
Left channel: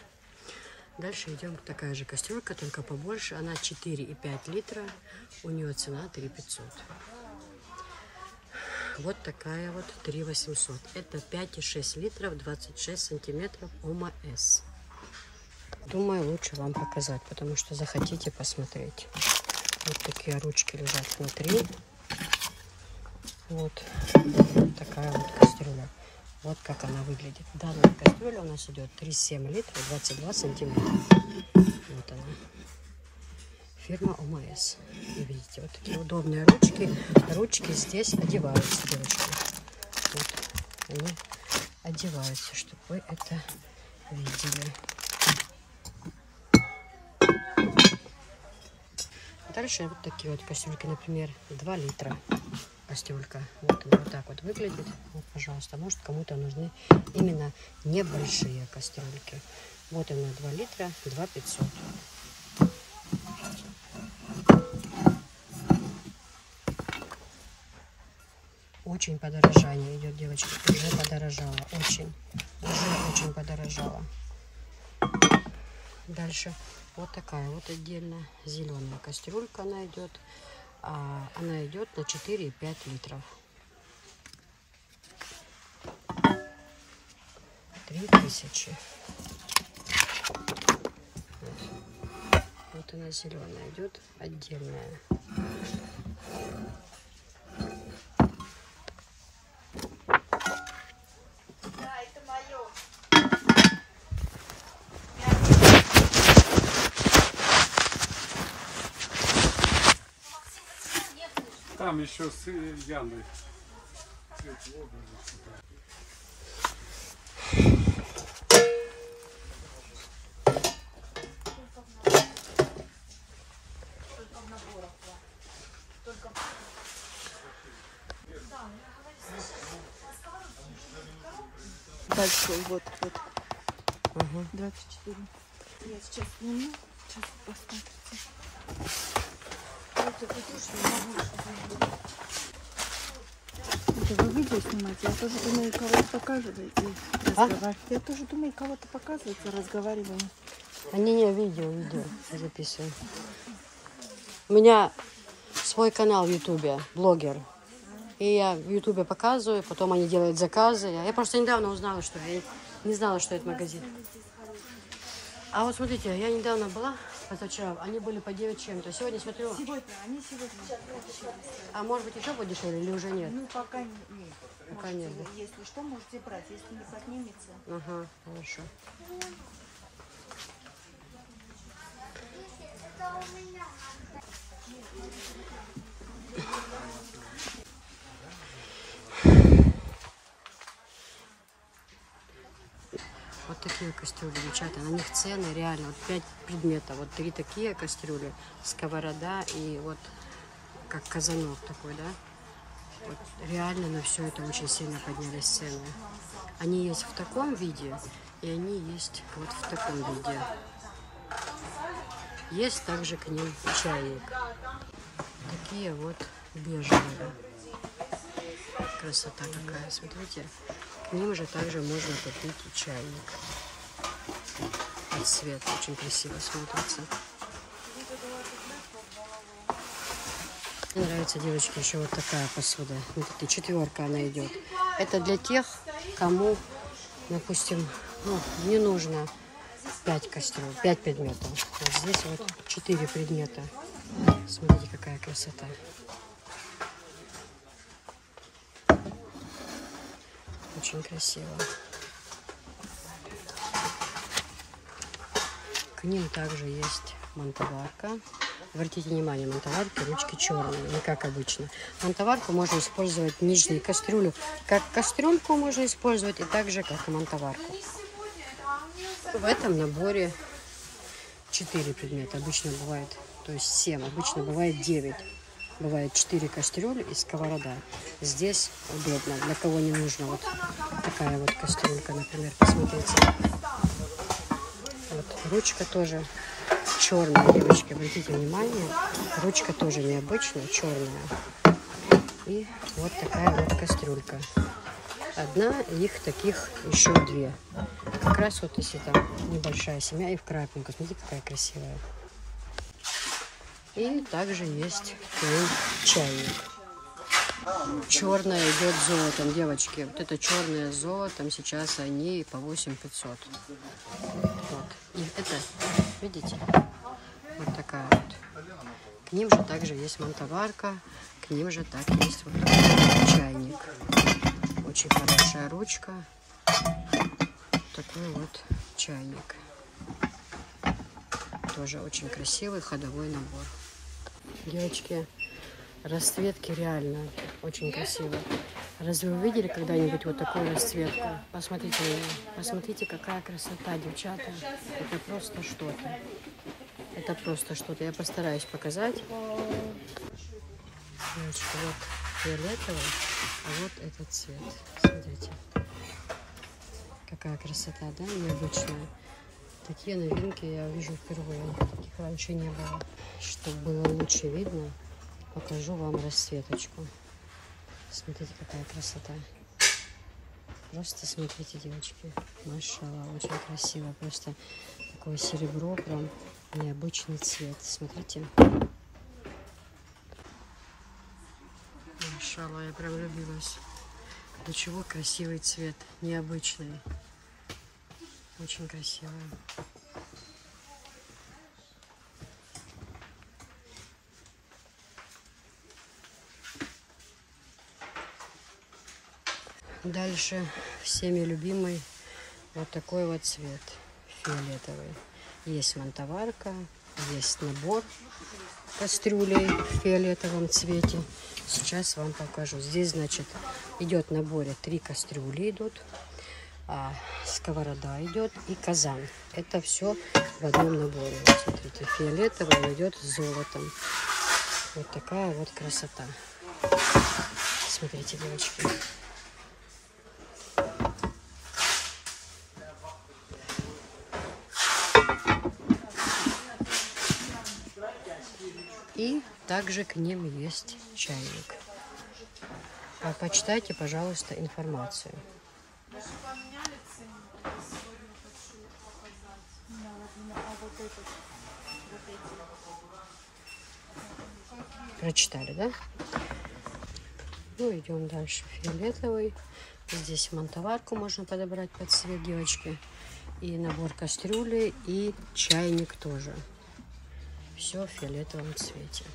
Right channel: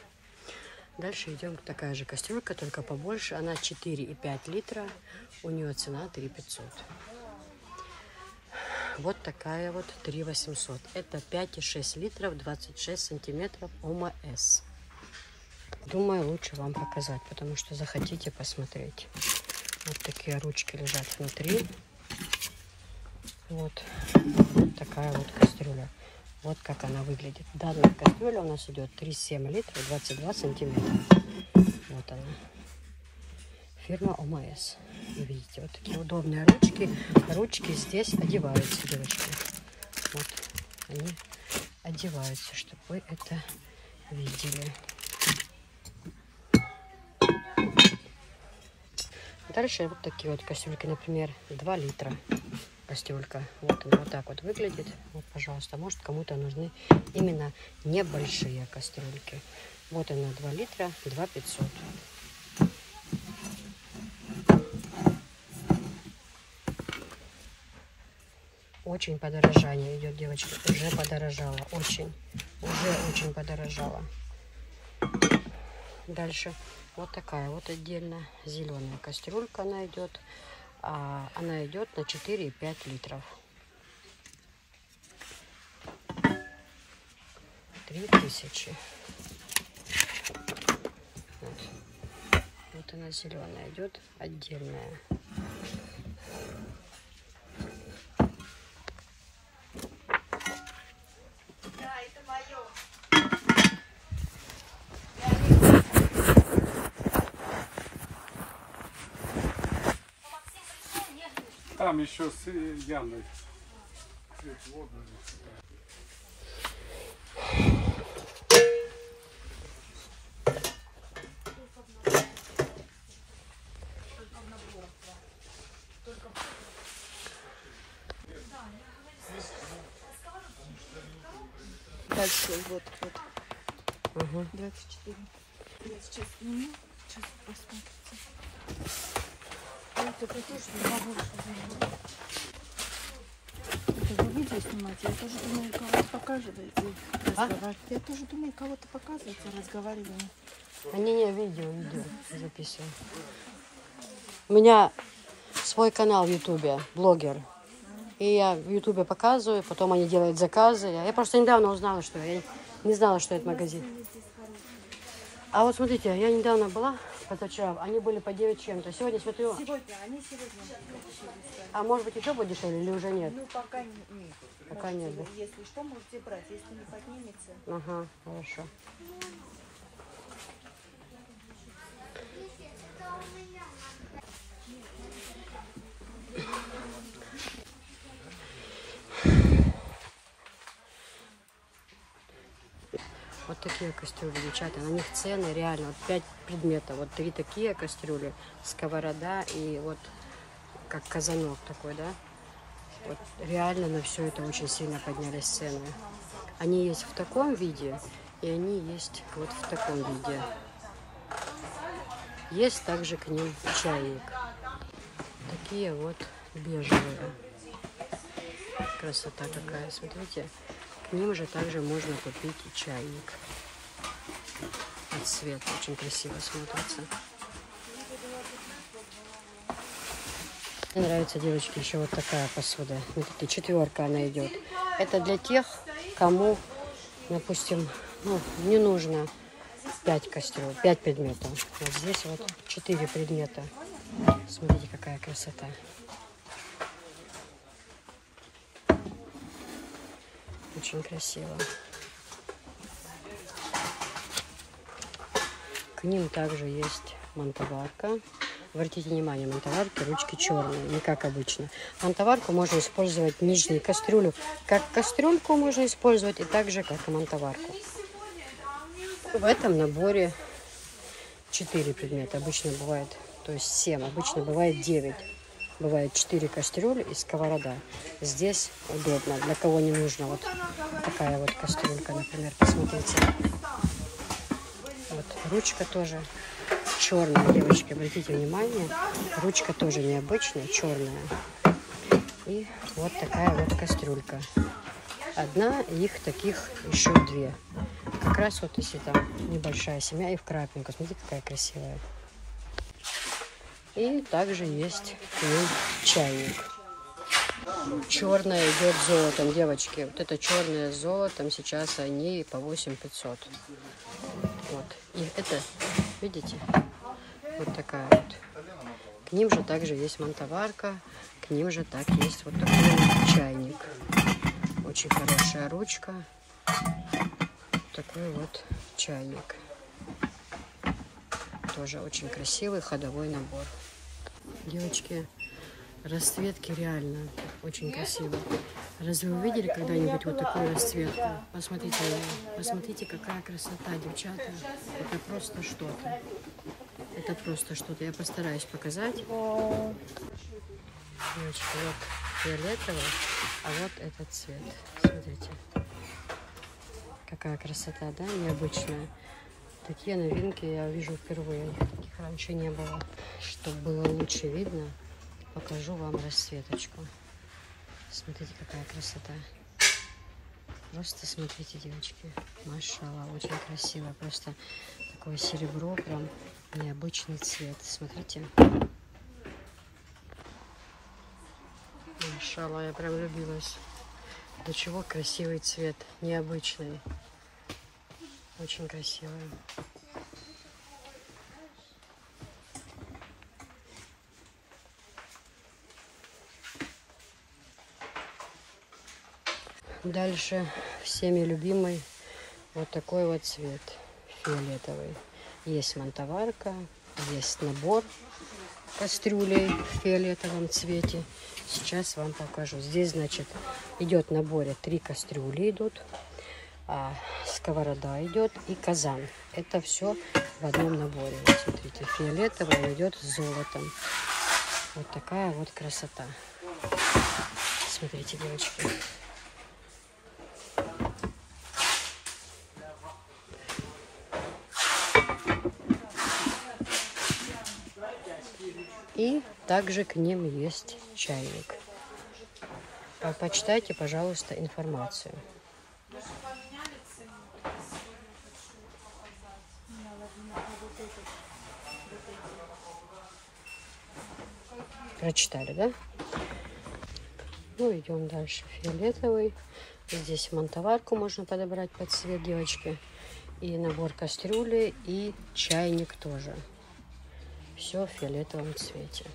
Дальше идем такая же кастрюлька, только побольше. Она 4,5 литра. У нее цена 3 500. Вот такая вот 3 800. Это 5,6 литров, 26 сантиметров ОМС. Думаю, лучше вам показать, потому что захотите посмотреть. Вот такие ручки лежат внутри. Вот такая вот кастрюля. Вот как она выглядит. Данная кастрюля у нас идет 3,7 литров, 22 сантиметра. Вот она. Фирма ОМС. И видите, вот такие удобные ручки. Ручки здесь одеваются, девочки. Вот они одеваются, чтобы вы это видели. Дальше вот такие вот кастрюльки, например, 2 литра кастрюлька. Вот она вот так вот выглядит. Вот, пожалуйста, может кому-то нужны именно небольшие кастрюльки. Вот она 2 литра, 2 500. Очень подорожание идет, девочки. Уже подорожало. Очень. Уже очень подорожало. Дальше вот такая вот отдельно зеленая кастрюлька она идет. Она идет на 4,5 литров. 3000. Вот она зеленая идет, отдельная. Там еще с Яной. большой, вот. Ага. 24. Я сейчас сниму, сейчас посмотрите. Это вы видео снимаете? Я тоже думаю, кого-то показываете. Я тоже думаю, кого-то показываете, разговариваем. Не, видео записываю. У меня свой канал в Ютубе, блогер. И я в Ютубе показываю, потом они делают заказы. Я просто недавно узнала, что я не знала, что это магазин. А вот смотрите, я недавно была, позавчера, они были по 9 чем-то. Сегодня смотрю. Они сегодня дешевле. А может быть еще будет дешевле или уже нет? Ну, пока нет. Пока нет. Если что, можете брать, если не поднимется. Ага, хорошо. Вот такие кастрюли, девчата. На них цены реально. Вот 5 предметов. Вот 3 такие кастрюли, сковорода и вот как казанок такой, да? Вот реально на все это очень сильно поднялись цены. Они есть в таком виде, и они есть вот в таком виде. Есть также к ним чайник. Такие вот бежевые. Красота какая, смотрите. К ним же также можно купить и чайник. От цвета очень красиво смотрится. Мне нравится, девочки, еще вот такая посуда. Смотрите, 4 она идет. Это для тех, кому, допустим, не нужно 5 кастрюль, 5 предметов. Вот здесь вот 4 предмета. Смотрите, какая красота. Очень красиво. К ним также есть мантоварка. Обратите внимание, мантоварки ручки черные, не как обычно. Мантоварку можно использовать нижнюю кастрюлю, как кастрюльку можно использовать, и также как и мантоварку. В этом наборе 4 предмета. Обычно бывает, то есть 7, обычно бывает 9. Бывает 4 кастрюли и сковорода. Здесь удобно, для кого не нужно. Вот такая вот кастрюлька, например, посмотрите. Вот ручка тоже черная, девочки, обратите внимание. Ручка тоже необычная, черная. И вот такая вот кастрюлька. Одна, их таких еще 2. Как раз вот если там небольшая семья и в крапинку. Смотрите, какая красивая. И также есть к ним чайник. Черная идет золотом, девочки. Вот это черное с золотом. Сейчас они по 8500. Вот. И это, видите, вот такая вот. К ним же также есть мантоварка. К ним же так есть вот такой вот чайник. Очень хорошая ручка. Такой вот чайник. Тоже очень красивый ходовой набор. Девочки, расцветки реально очень красивые. Разве вы видели когда-нибудь вот такую расцветку? Посмотрите на нее. Посмотрите, какая красота, девчата. Это просто что-то. Это просто что-то. Я постараюсь показать. Девочки, вот фиолетовый, а вот этот цвет. Смотрите. Какая красота, да? Необычная. Такие новинки я вижу впервые. Таких раньше не было. Чтобы было лучше видно, покажу вам расцветочку. Смотрите, какая красота. Просто смотрите, девочки. Машалла, очень красиво. Просто такое серебро, прям необычный цвет. Смотрите. Машалла, я прям влюбилась. До чего красивый цвет, необычный. Очень красивый. Дальше всеми любимый вот такой вот цвет, фиолетовый. Есть мантоварка, есть набор кастрюлей в фиолетовом цвете. Сейчас вам покажу. Здесь, значит, идет в наборе 3 кастрюли идут, сковорода идет и казан. Это все в одном наборе. Вот смотрите, фиолетовый, он идет с золотом. Вот такая вот красота. Смотрите, девочки. И также к ним есть чайник. Почитайте, пожалуйста, информацию. Прочитали, да? Ну, идем дальше. Фиолетовый. Здесь мантоварку можно подобрать под цвет, девочки. И набор кастрюли, и чайник тоже. Все в фиолетовом цвете.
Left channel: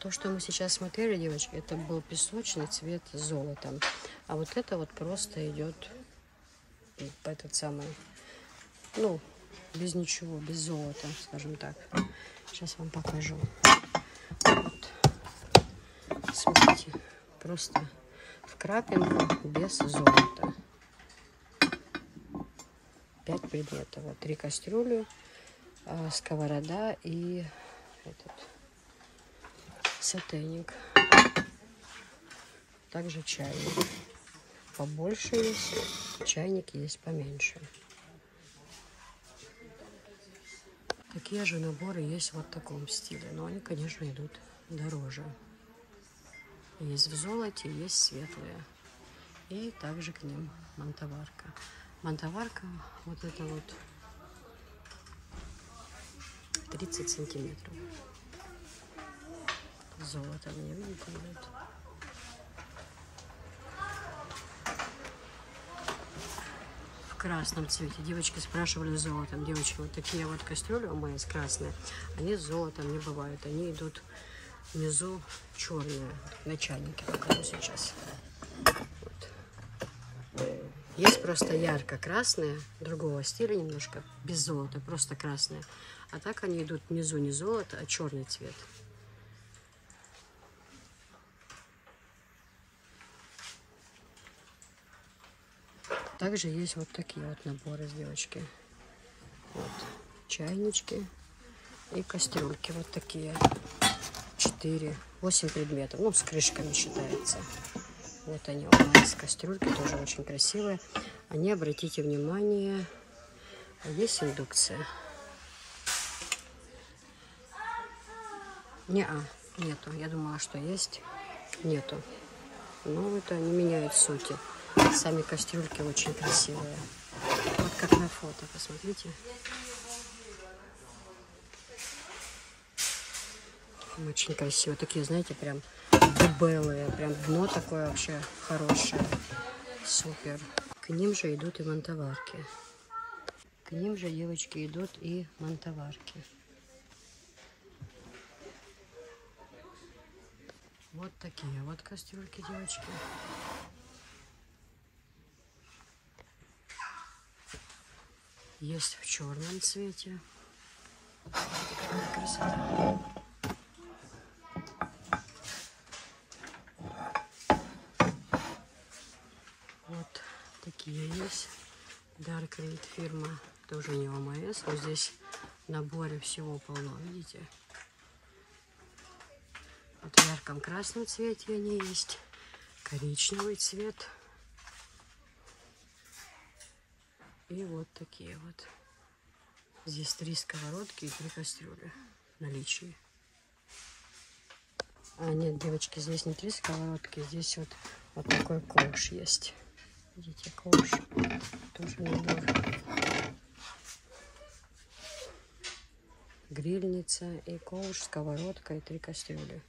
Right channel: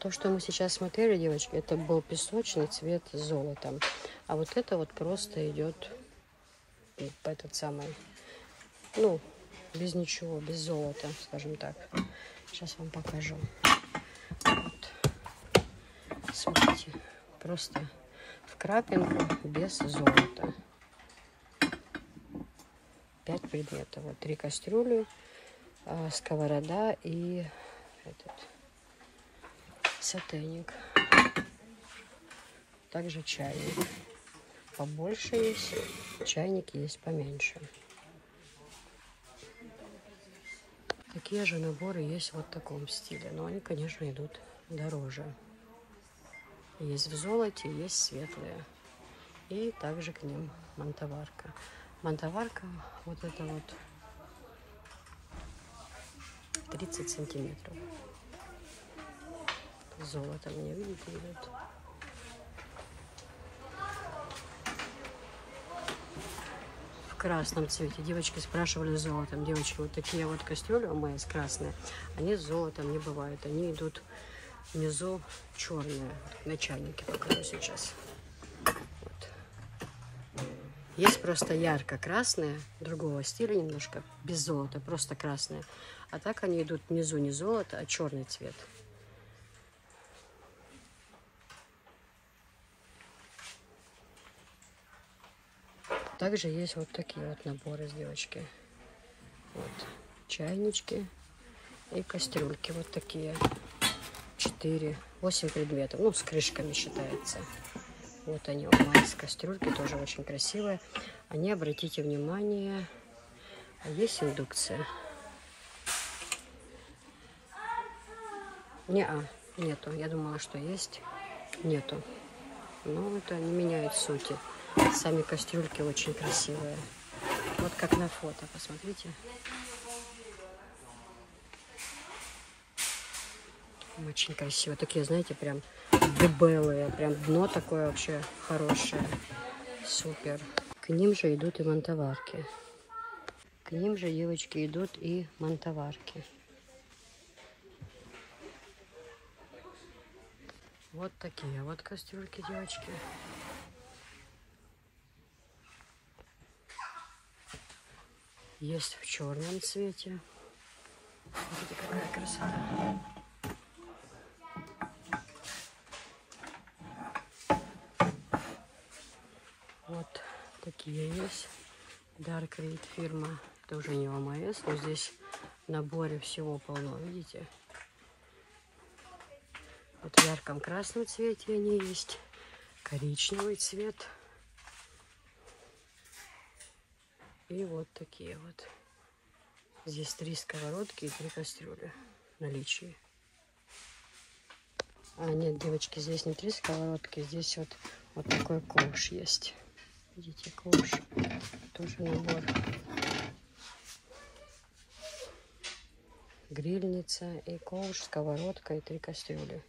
То, что мы сейчас смотрели, девочки, это был песочный цвет с золотом. А вот это вот просто идет этот самый, ну, без ничего, без золота, скажем так. Сейчас вам покажу. Вот. Смотрите, просто в крапинку без золота. 5 предметов. Вот 3 кастрюли, сковорода и этот сотейник. Также чайник. Побольше есть, чайник есть поменьше. Такие же наборы есть вот в таком стиле, но они, конечно, идут дороже. Есть в золоте, есть светлые. И также к ним мантоварка. Мантоварка вот это вот 30 сантиметров. Золото мне, видите, идет. В красном цвете. Девочки спрашивали с золотом. Девочки, вот такие вот кастрюли у мои красные, они с золотом не бывают. Они идут внизу черные. На чайнике покажу сейчас. Вот. Есть просто ярко-красные, другого стиля немножко, без золота, просто красные. А так они идут внизу не золото, а черный цвет. Также есть вот такие вот наборы с девочки. Вот чайнички и кастрюльки вот такие. 8 предметов. Ну, с крышками считается. Вот они у нас кастрюльки, тоже очень красивые. Они, обратите внимание, есть индукция. Нету. Я думала, что есть. Нету. Но это не меняет сути. Сами кастрюльки очень красивые. Вот как на фото, посмотрите. Очень красиво. Такие, знаете, прям дебелые. Прям дно такое вообще хорошее. Супер. К ним же идут и мантоварки. К ним же, девочки, идут и мантоварки. Вот такие вот кастрюльки, девочки. Есть в черном цвете. Смотрите, какая красота. Вот такие есть. Dark Reed фирма. Это уже не ОМС, но здесь в наборе всего полно, видите? Вот в ярком красном цвете они есть. Коричневый цвет. И вот такие вот. Здесь 3 сковородки и 3 кастрюли в наличии. А нет, девочки, здесь не 3 сковородки, здесь вот такой ковш есть. Видите, ковш. Тоже набор. Грильница и ковш, сковородка и 3 кастрюли.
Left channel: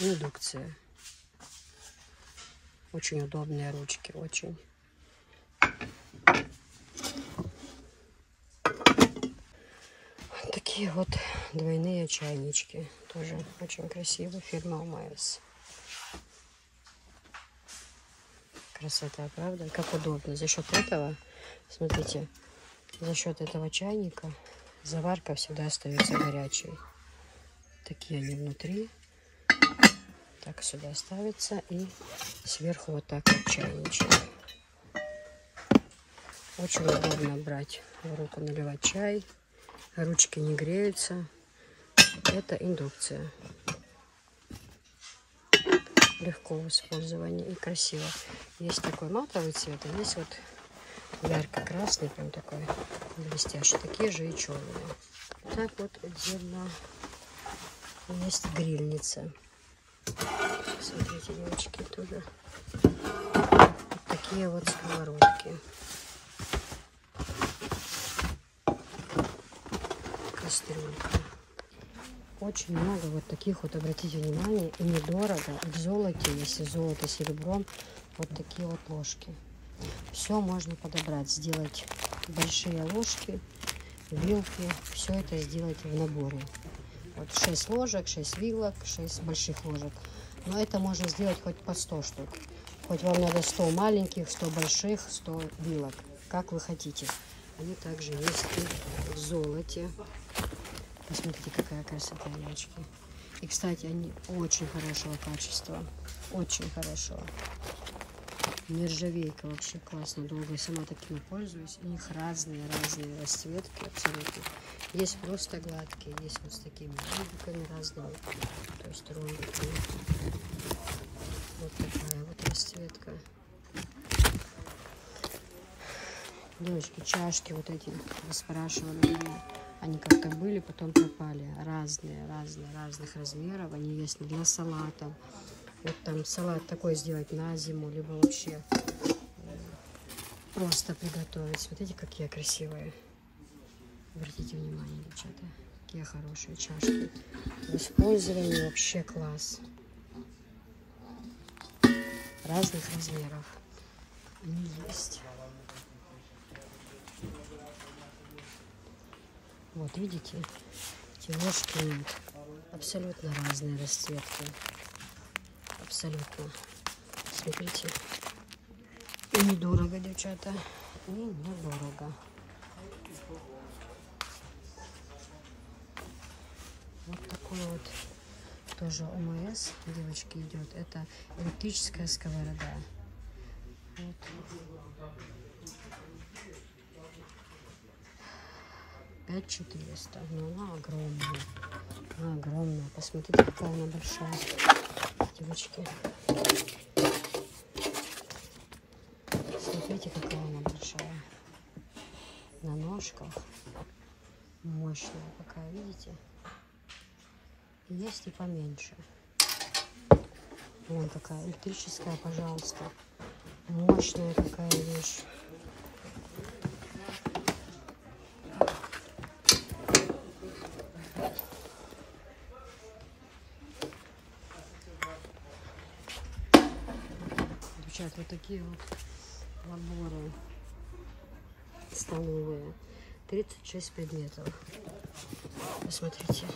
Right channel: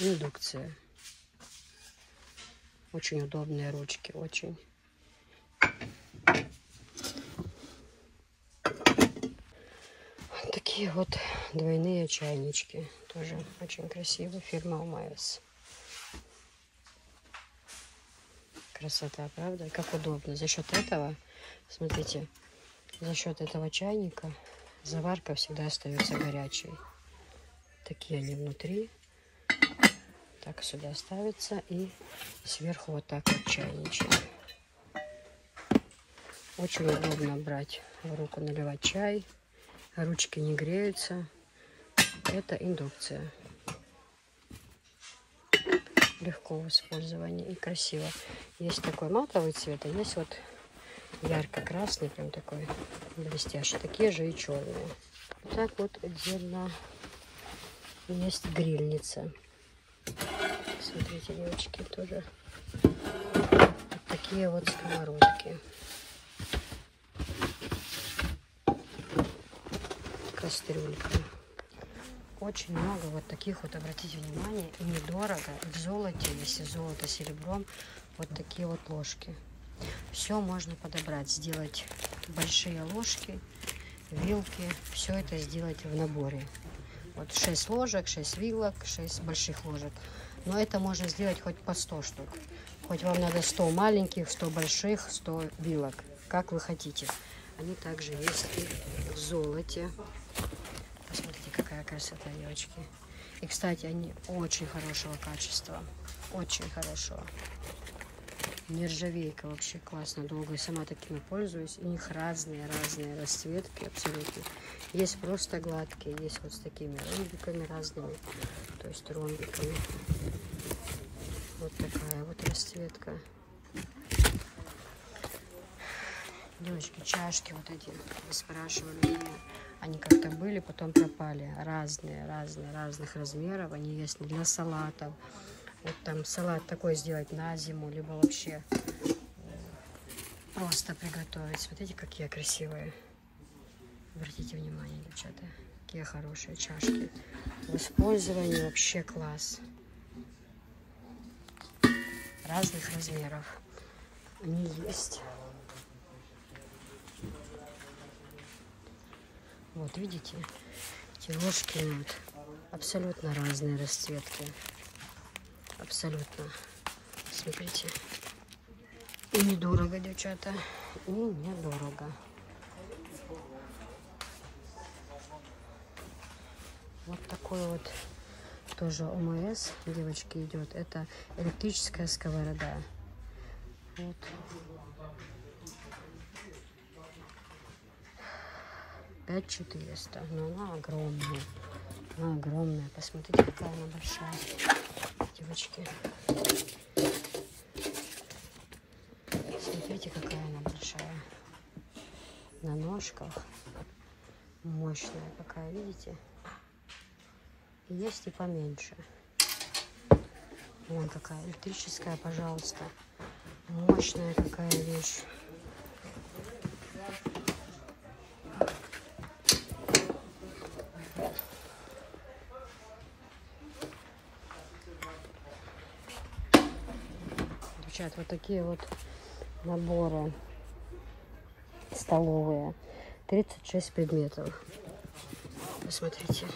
Индукция. Очень удобные ручки, очень. Вот такие вот двойные чайнички. Тоже очень красивая фирма ОМС. Красота, правда? Как удобно. За счет этого, смотрите, за счет этого чайника заварка всегда остается горячей. Такие они внутри. Так сюда ставится и сверху вот так вот чайничек. Очень удобно брать в руку, наливать чай. Ручки не греются. Это индукция. легко в использовании и красиво. Есть такой матовый цвет, а есть вот ярко-красный, прям такой блестящий. Такие же и черные. Так вот отдельно есть грильница. Смотрите, девочки, тоже вот такие вот сковородки. Кастрюлька. Очень много вот таких вот, обратите внимание, и недорого. В золоте, если золото серебром, вот такие вот ложки. Все можно подобрать, сделать большие ложки, вилки, все это сделать в наборе. Вот 6 ложек, 6 вилок, 6 больших ложек. Но это можно сделать хоть по 100 штук. Хоть вам надо 100 маленьких, 100 больших, 100 вилок, как вы хотите. Они также есть и в золоте. Посмотрите, какая красота, девочки. И, кстати, они очень хорошего качества. Очень хорошего. Нержавейка вообще классно. Долго я сама такими пользуюсь. У них разные расцветки абсолютно. Есть просто гладкие, есть вот с такими ромбиками разными. То есть ромбиками. Вот такая вот расцветка. Девочки, чашки вот эти, вы спрашивали меня. Они как-то были, потом пропали. Разных размеров. Они есть для салатов. Вот там салат такой сделать на зиму, либо вообще просто приготовить. Смотрите, какие красивые. Обратите внимание, девчата. Какие хорошие чашки. В использовании вообще класс. Разных размеров. Они есть. Вот видите, эти ложки нет. Абсолютно разные расцветки. Абсолютно. Смотрите. И недорого, девчата. И недорого. Вот такой вот тоже ОМС, девочки, идет. Это электрическая сковорода. Вот. $5400. Но она огромная. Она огромная. Посмотрите, какая она большая. Девочки. Смотрите, какая она большая. На ножках. Мощная какая, видите? Есть и поменьше. Вон какая электрическая, пожалуйста. Мощная какая вещь. Вот такие вот наборы столовые. 36 предметов. Посмотрите.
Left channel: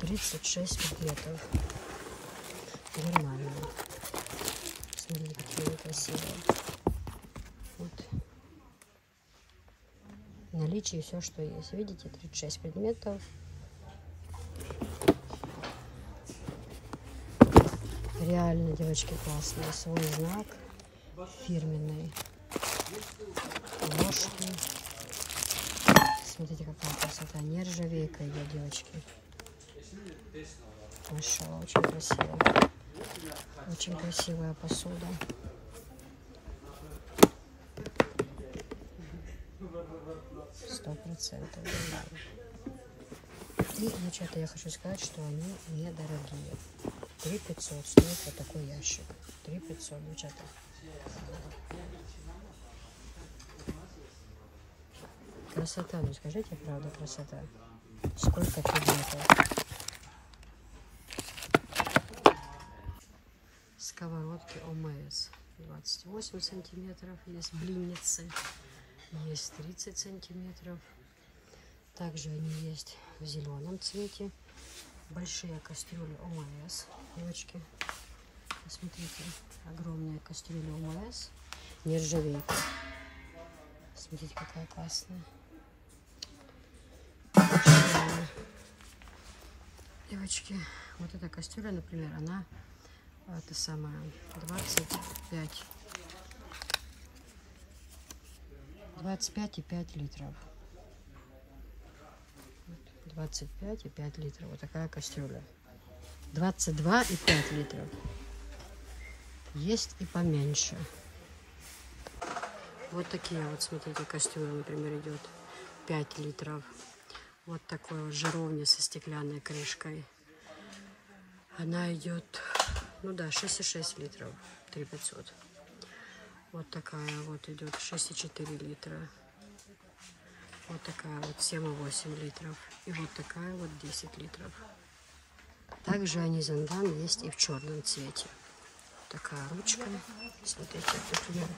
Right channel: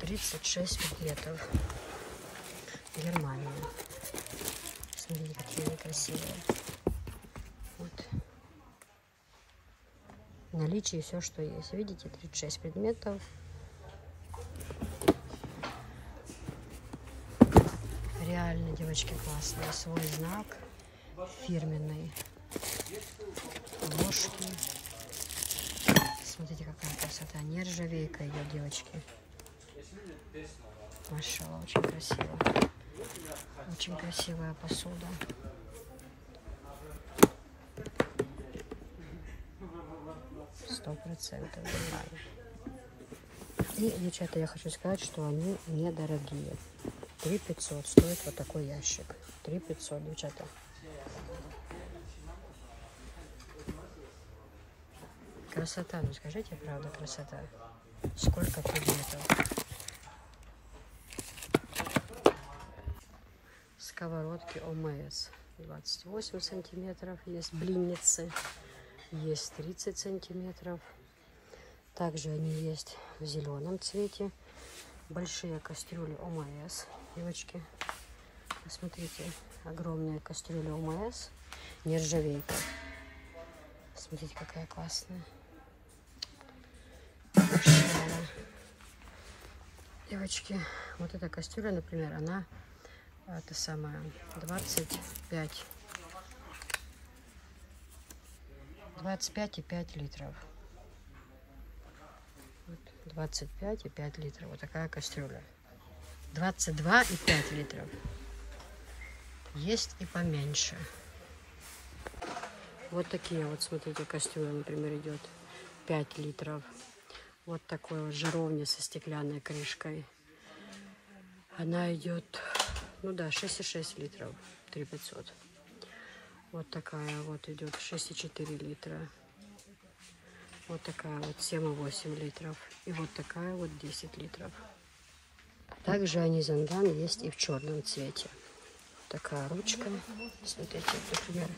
36 предметов. Нормально. Смотрите, какие они красивые. Вот. В наличии все, что есть. Видите, 36 предметов. Реально, девочки, классные. Свой знак фирменный. Ложки. Смотрите, какая красота. Нержавейка идет, девочки. Машалла, очень красиво. Очень красивая посуда. %100 нормально. И, девчата, я хочу сказать, что они недорогие. 3500 стоит вот такой ящик. 3500, девчата. Красота, ну скажите, правда, красота. Сколько предметов. Сковородки ОМС. 28 сантиметров. Есть блинницы. Есть 30 сантиметров. Также они есть в зеленом цвете. Большие кастрюли ОМС. Девочки, посмотрите, огромная кастрюля ОМС, нержавейка. Смотрите, какая классная. Девочки, вот эта кастрюля, например, она, это самое, 25,5 литров. 25,5 литров. Вот такая кастрюля. 22,5 литров. Есть и поменьше. Вот такие вот, смотрите, кастрюли, например, идет 5 литров. Вот такой вот жаровня со стеклянной крышкой. Она идет, ну да, 6,6 литров, 3500. Вот такая вот идет 6,4 литра. Вот такая вот 7,8 литров. И вот такая вот 10 литров. Также анизандан есть и в черном цвете. Вот такая ручка. Смотрите, например,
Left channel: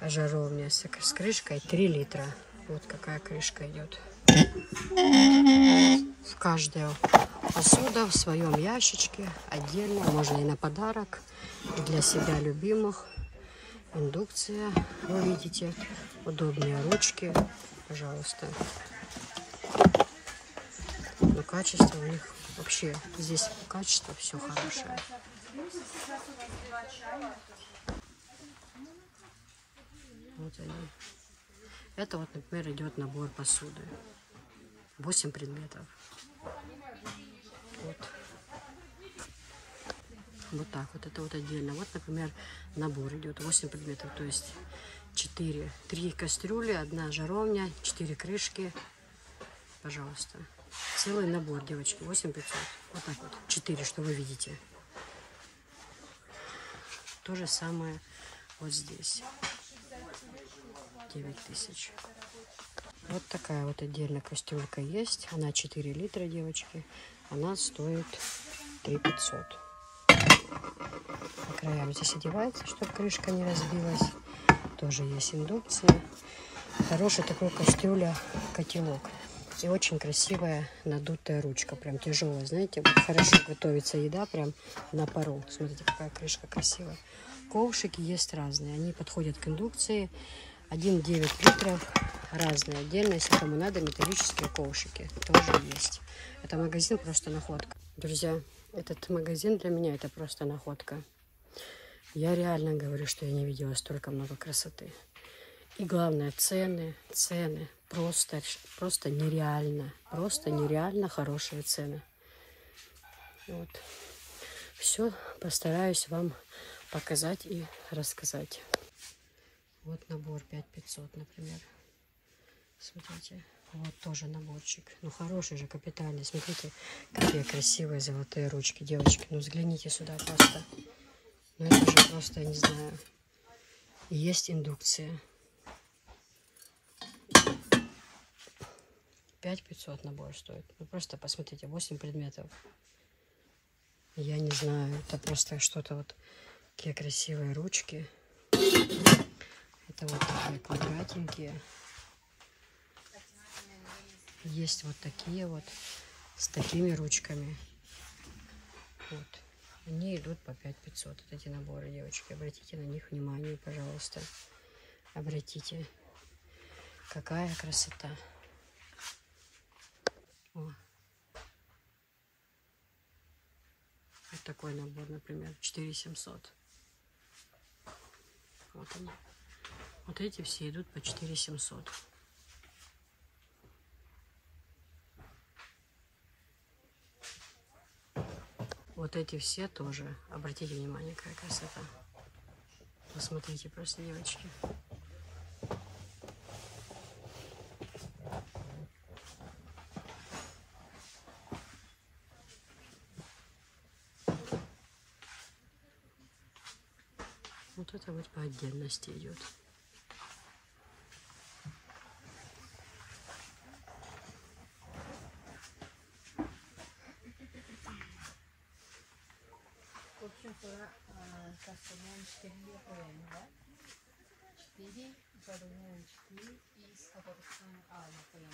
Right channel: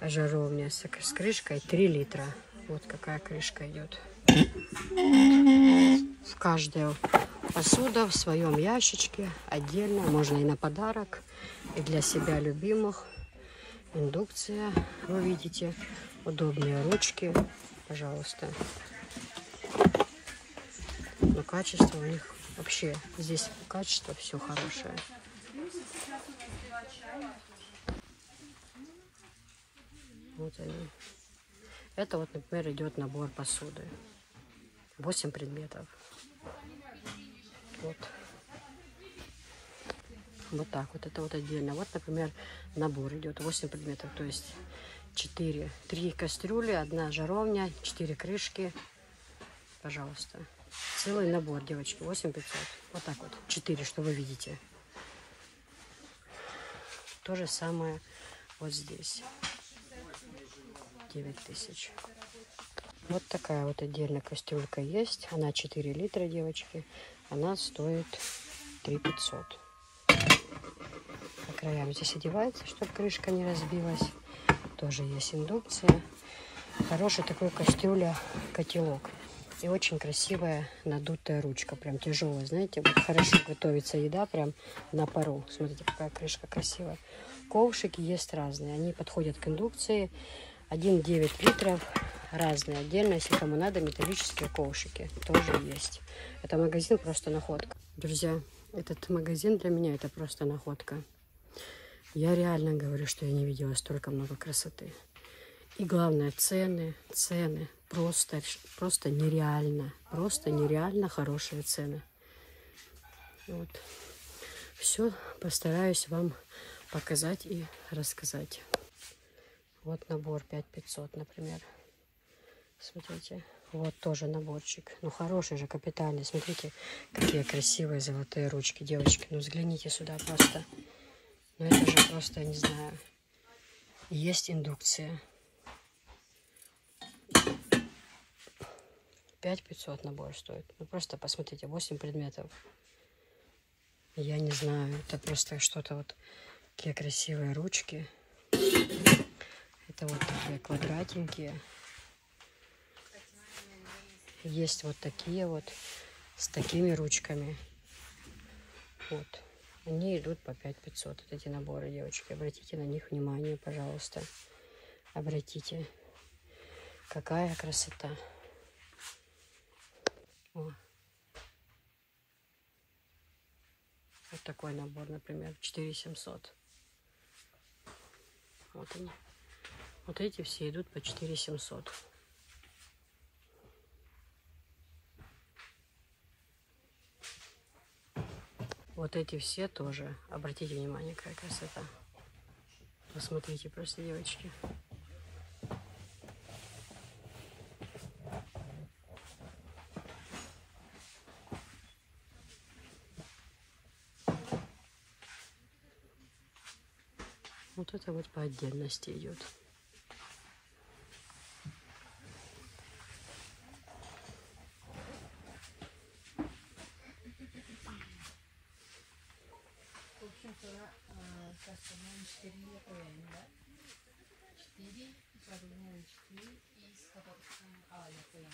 жаровня с крышкой 3 литра. Вот какая крышка идет. В каждую посуда в своем ящичке отдельно. Можно и на подарок, и для себя любимых. Индукция, вы видите, удобные ручки, пожалуйста. Но качество у них вообще, здесь качество все хорошее. Вот они. Это вот, например, идет набор посуды. 8 предметов. Вот. Вот так вот, это вот отдельно. Вот, например, набор идет 8 предметов, то есть 3 кастрюли, 1 жаровня, 4 крышки. Пожалуйста. Целый набор, девочки, 8500. Вот так вот, 4, что вы видите. То же самое вот здесь. 9000. Вот такая вот отдельно кастрюлька есть. Она 4 литра, девочки. Она стоит 3500. По краям здесь одевается, чтобы крышка не разбилась. Тоже есть индукция. Хороший такой кастрюля, котелок. И очень красивая надутая ручка. Прям тяжелая, знаете. Вот хорошо готовится еда прям на пару. Смотрите, какая крышка красивая. Ковшики есть разные. Они подходят к индукции. 1,9 литров. Разные. Отдельно, если кому надо, металлические ковшики тоже есть. Это магазин просто находка. Друзья, этот магазин для меня это просто находка. Я реально говорю, что я не видела столько много красоты. И главное, цены просто нереально. Просто нереально хорошие цены. Вот. Все постараюсь вам показать и рассказать. Вот набор 5500, например. Смотрите, вот тоже наборчик. Ну, хороший же, капитальный. Смотрите, какие красивые золотые ручки. Девочки, ну взгляните сюда просто. Ну, это же просто, я не знаю. Есть индукция. 5500 набор стоит. Ну, просто посмотрите, 8 предметов. Я не знаю, это просто что-то вот. Какие красивые ручки. Это вот такие квадратненькие. Есть вот такие вот с такими ручками. Вот. Они идут по 5500. Вот эти наборы, девочки. Обратите на них внимание, пожалуйста. Обратите. Какая красота. О. Вот такой набор, например, 4700. Вот они. Вот эти все идут по 4700. Вот эти все тоже. Обратите внимание, какая красота. Посмотрите просто, девочки. Вот это вот по отдельности идет. В общем, кастоман 4 литра, 4, задумывочки и с которых например.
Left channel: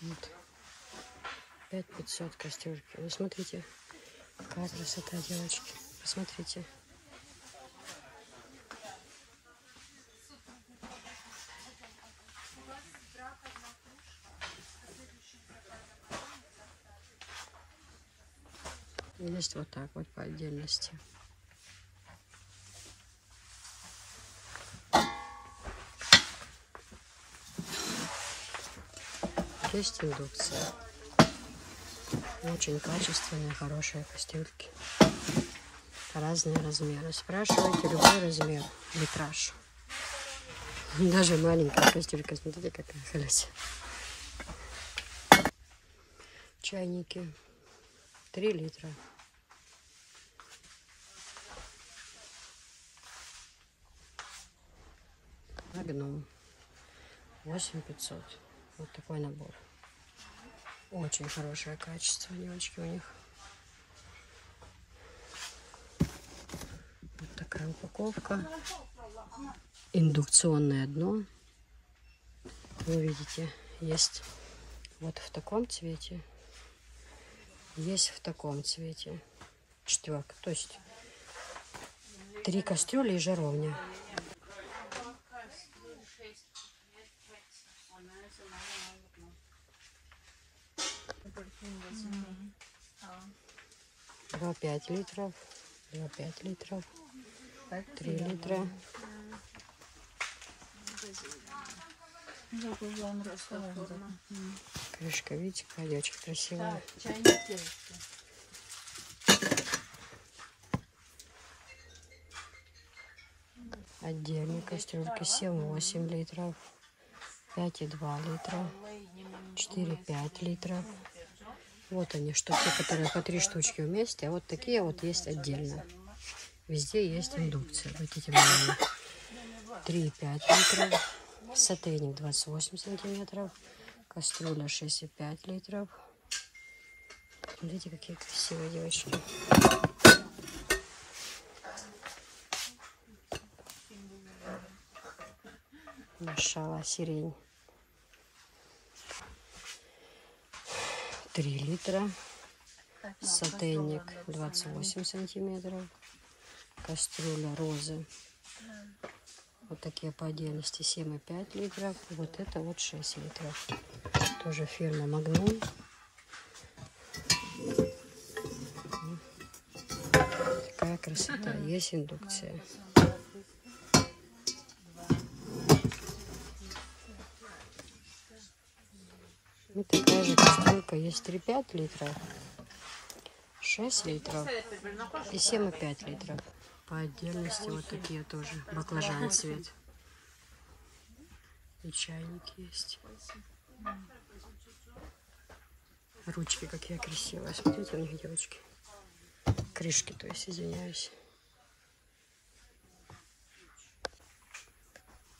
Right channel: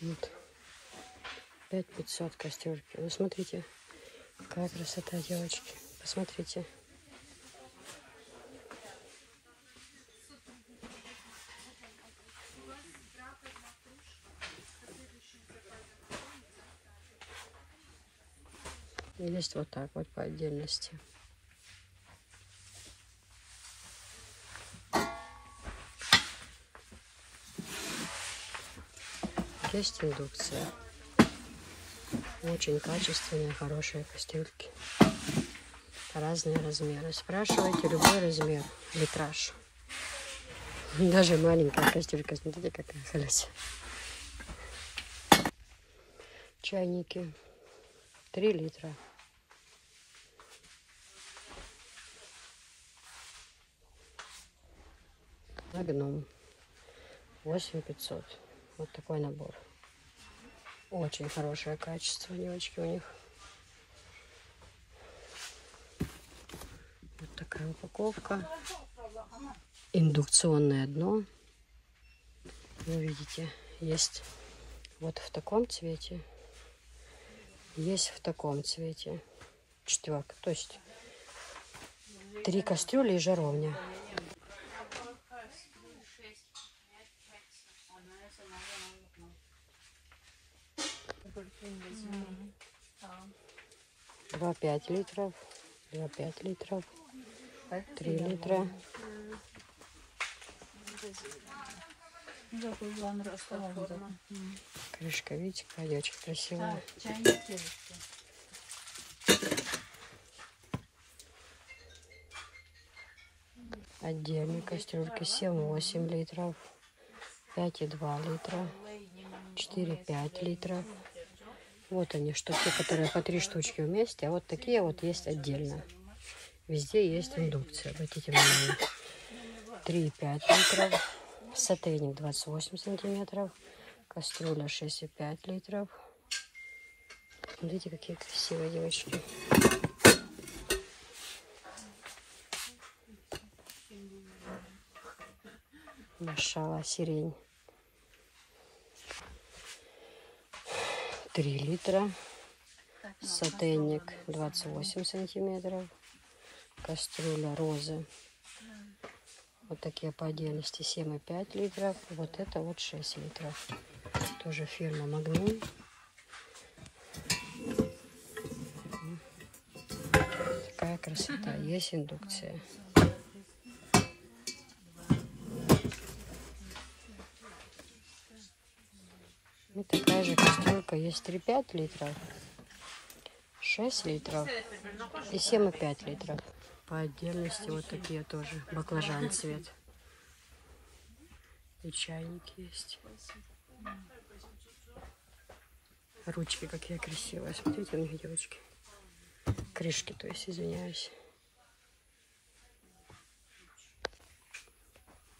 Вот. 5500 кастрюльки. Ну, смотрите, какая красота, девочки. Посмотрите. Есть вот так вот по отдельности. Есть индукция. Очень качественные, хорошие кастрюльки. Разные размеры. Спрашивайте любой размер, литраж. Даже маленькая кастрюлька, смотрите, какая колесо. Чайники 3 литра. Магнум 8500. Вот такой набор. Очень хорошее качество, девочки, у них. Вот такая упаковка. Индукционное дно. Вы видите, есть вот в таком цвете. Есть в таком цвете. Четверка. То есть 3 кастрюли и жаровня. Два 5 литров, 2,5 литров, 3 литра. Крышка, видите, какая очень красивая. Отдельные кастрюльки 7-8 литров, 5,2 литра, 4-5 литров. Вот они, что те, которые по 3 штучки вместе, а вот такие вот есть отдельно. Везде есть индукция. Обратите внимание. 3,5 литров, сотейник 28 сантиметров, кастрюля 6,5 литров. Смотрите, какие красивые девочки. Машалла, сирень. 3 литра. Сотейник 28 сантиметров. Кастрюля розы. Вот такие по отдельности 7,5 литров. Вот это вот 6 литров. Тоже фирма Магнум. Такая красота. Есть индукция. И такая же кастрюлька есть 3,5 литров, 6 литров и 7,5 литров. По отдельности вот такие тоже. Баклажан цвет. И чайники есть. Ручки какие красивые. Смотрите, у них девочки. Крышки, то есть, извиняюсь.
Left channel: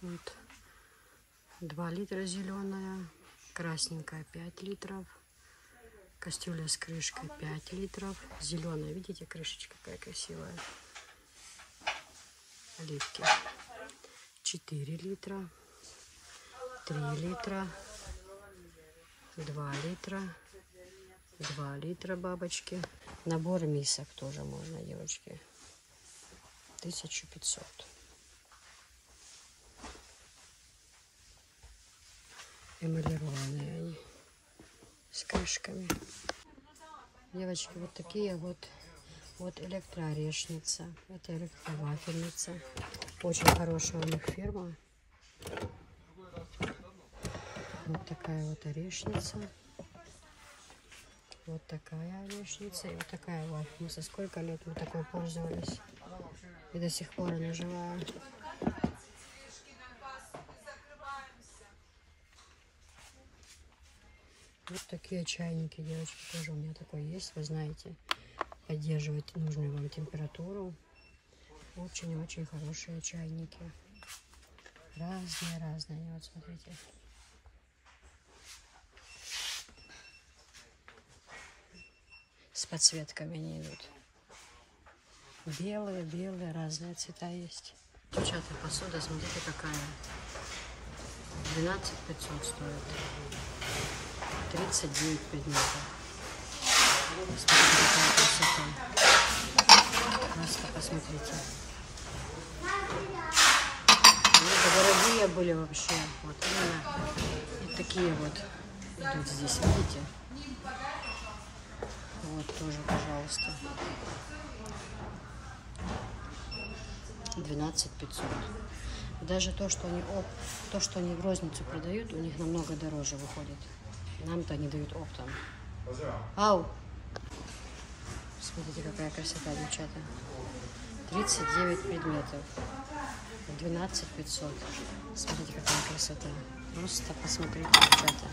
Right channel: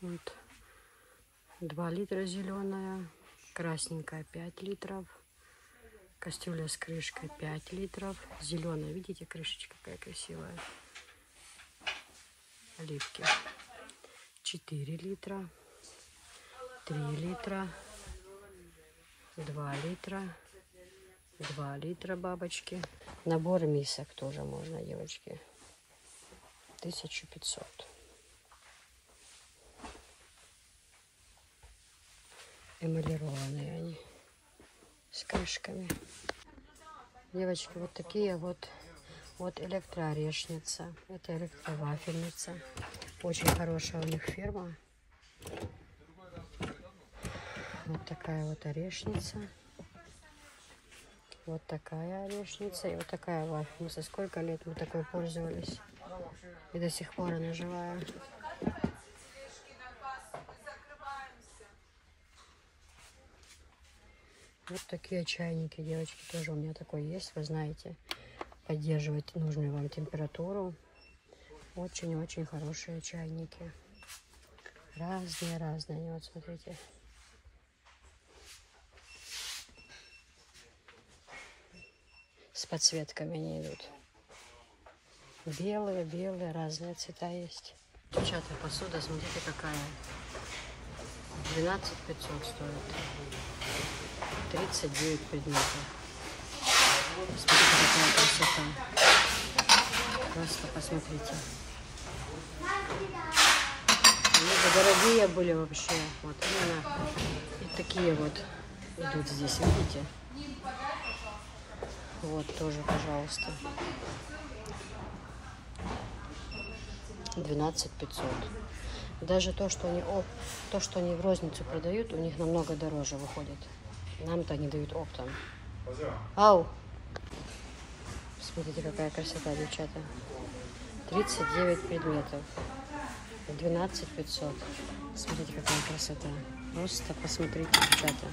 Вот. 2 литра зеленая. Красненькая 5 литров. Кастрюля с крышкой 5 литров. Зеленая, видите, крышечка какая красивая. Оливки 4 литра. 3 литра. 2 литра. 2 литра бабочки. Набор мисок тоже можно, девочки. 1500. Эмалированные они с крышками. Девочки, вот такие вот электроорешница. Это электровафельница. Очень хорошая у них фирма. Вот такая вот орешница. Вот такая орешница и вот такая вафельница. Сколько лет мы такой пользовались. И до сих пор она живая. Вот такие чайники, девочки, тоже у меня такой есть, вы знаете, поддерживать нужную вам температуру. Очень-очень хорошие чайники. Разные, вот смотрите. С подсветками они идут. Белые, разные цвета есть. Девчата, посуда, смотрите, какая. 12 500 стоит. 39 предметов. Смотрите, какая красота. Просто посмотрите. Они дорогие были вообще. Вот именно. И такие вот идут здесь, видите? Вот тоже, пожалуйста. 12 500. Даже то, что они в розницу продают, у них намного дороже выходит. Нам-то они дают оптом. Ау! Смотрите, какая красота, девчата. 39 предметов. 12 500. Смотрите, какая красота. Просто посмотрите, девчата.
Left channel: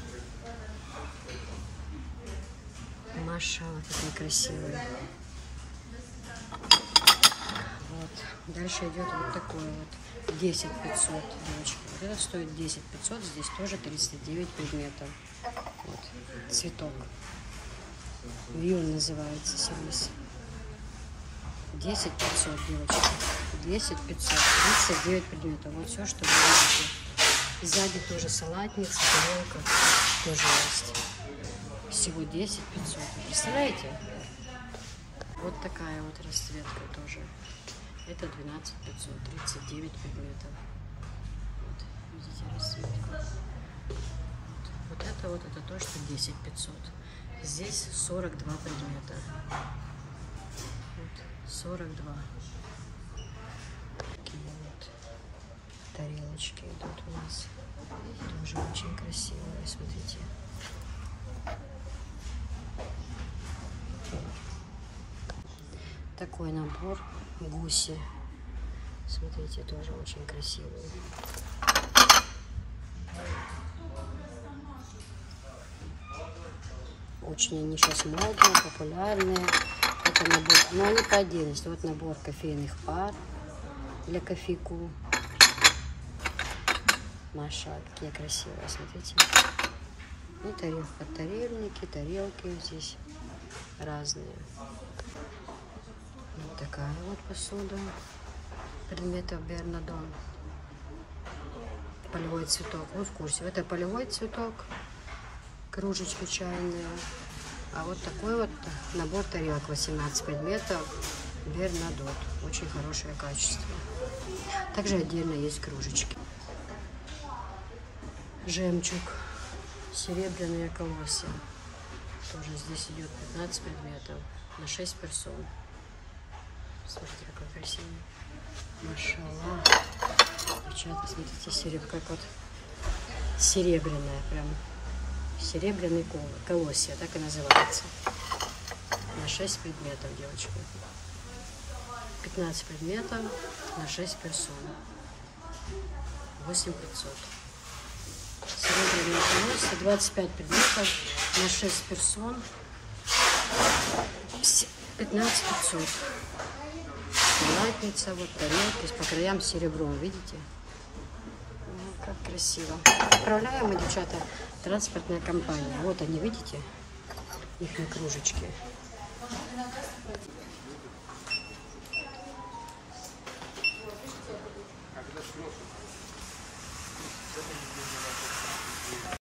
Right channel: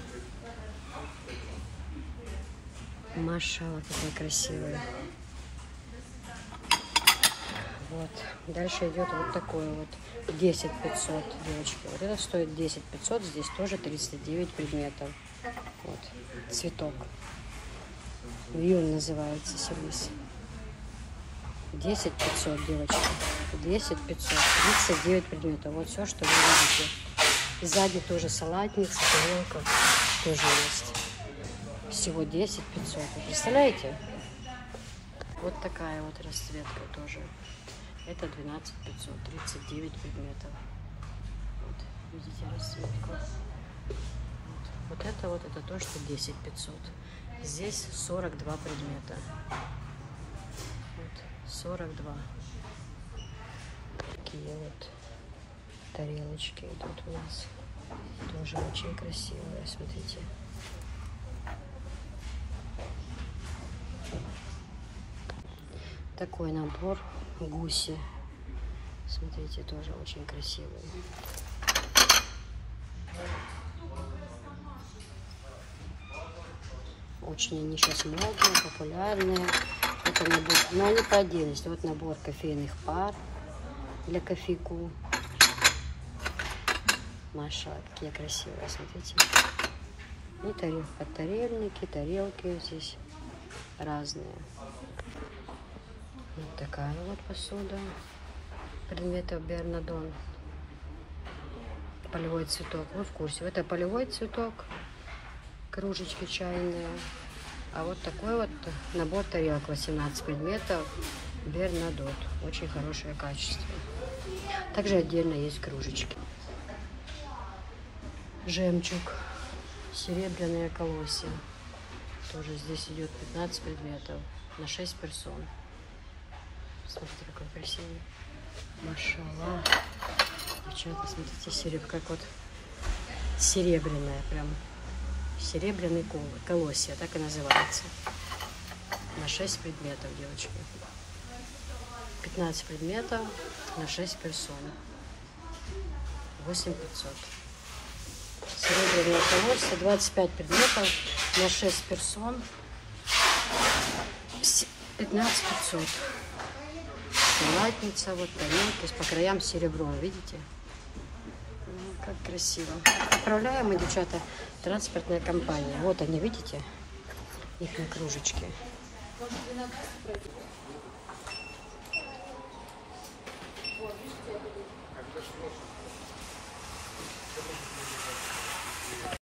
Машалла, какой красивый. Вот. Дальше идет вот такой вот. 10 500, девочки. Вот это стоит 10 500. Здесь тоже 39 предметов. Вот. Цветок. Вьюн называется сервис. 10 500, девочки. 10 500. 39 предметов. Вот все, что вы видите. И сзади тоже салатница, тарелка тоже есть. Всего 10 500. Вы представляете? Вот такая вот расцветка тоже. Это 12 500. 39 предметов. Вот, видите расцветку. Вот это то, что 10 500. Здесь 42 предмета. Вот, 42. Такие вот тарелочки идут у нас. Тоже очень красивые, смотрите. Такой набор гуси. Смотрите, тоже очень красивый. Очень они сейчас модные, популярные. Это набор, но они по отдельности. Вот набор кофейных пар для кофейку. Маша, какие красивые, смотрите. И подтарельники, тарелки здесь разные. Вот такая вот посуда. Предметов Бернадон. Полевой цветок. Вы в курсе? Это полевой цветок. Кружечки чайные. А вот такой вот набор тарелок. 18 предметов. Бернадот. Очень хорошее качество. Также отдельно есть кружечки. Жемчуг. Серебряные колосья. Тоже здесь идет 15 предметов. На 6 персон. Смотрите, какой красивый. Машалла. Девчата, смотрите, серебро, как вот серебряная, прям серебряный колосья, так и называется. На 6 предметов, девочки. 15 предметов на 6 персон. 8 500. Серебряное колосья, 25 предметов на 6 персон. 15 500. Салатница, вот тарелки по краям серебром, видите? Ну, как красиво. Отправляем мы, девчата, транспортная компания. Вот они, видите? Их на кружечке.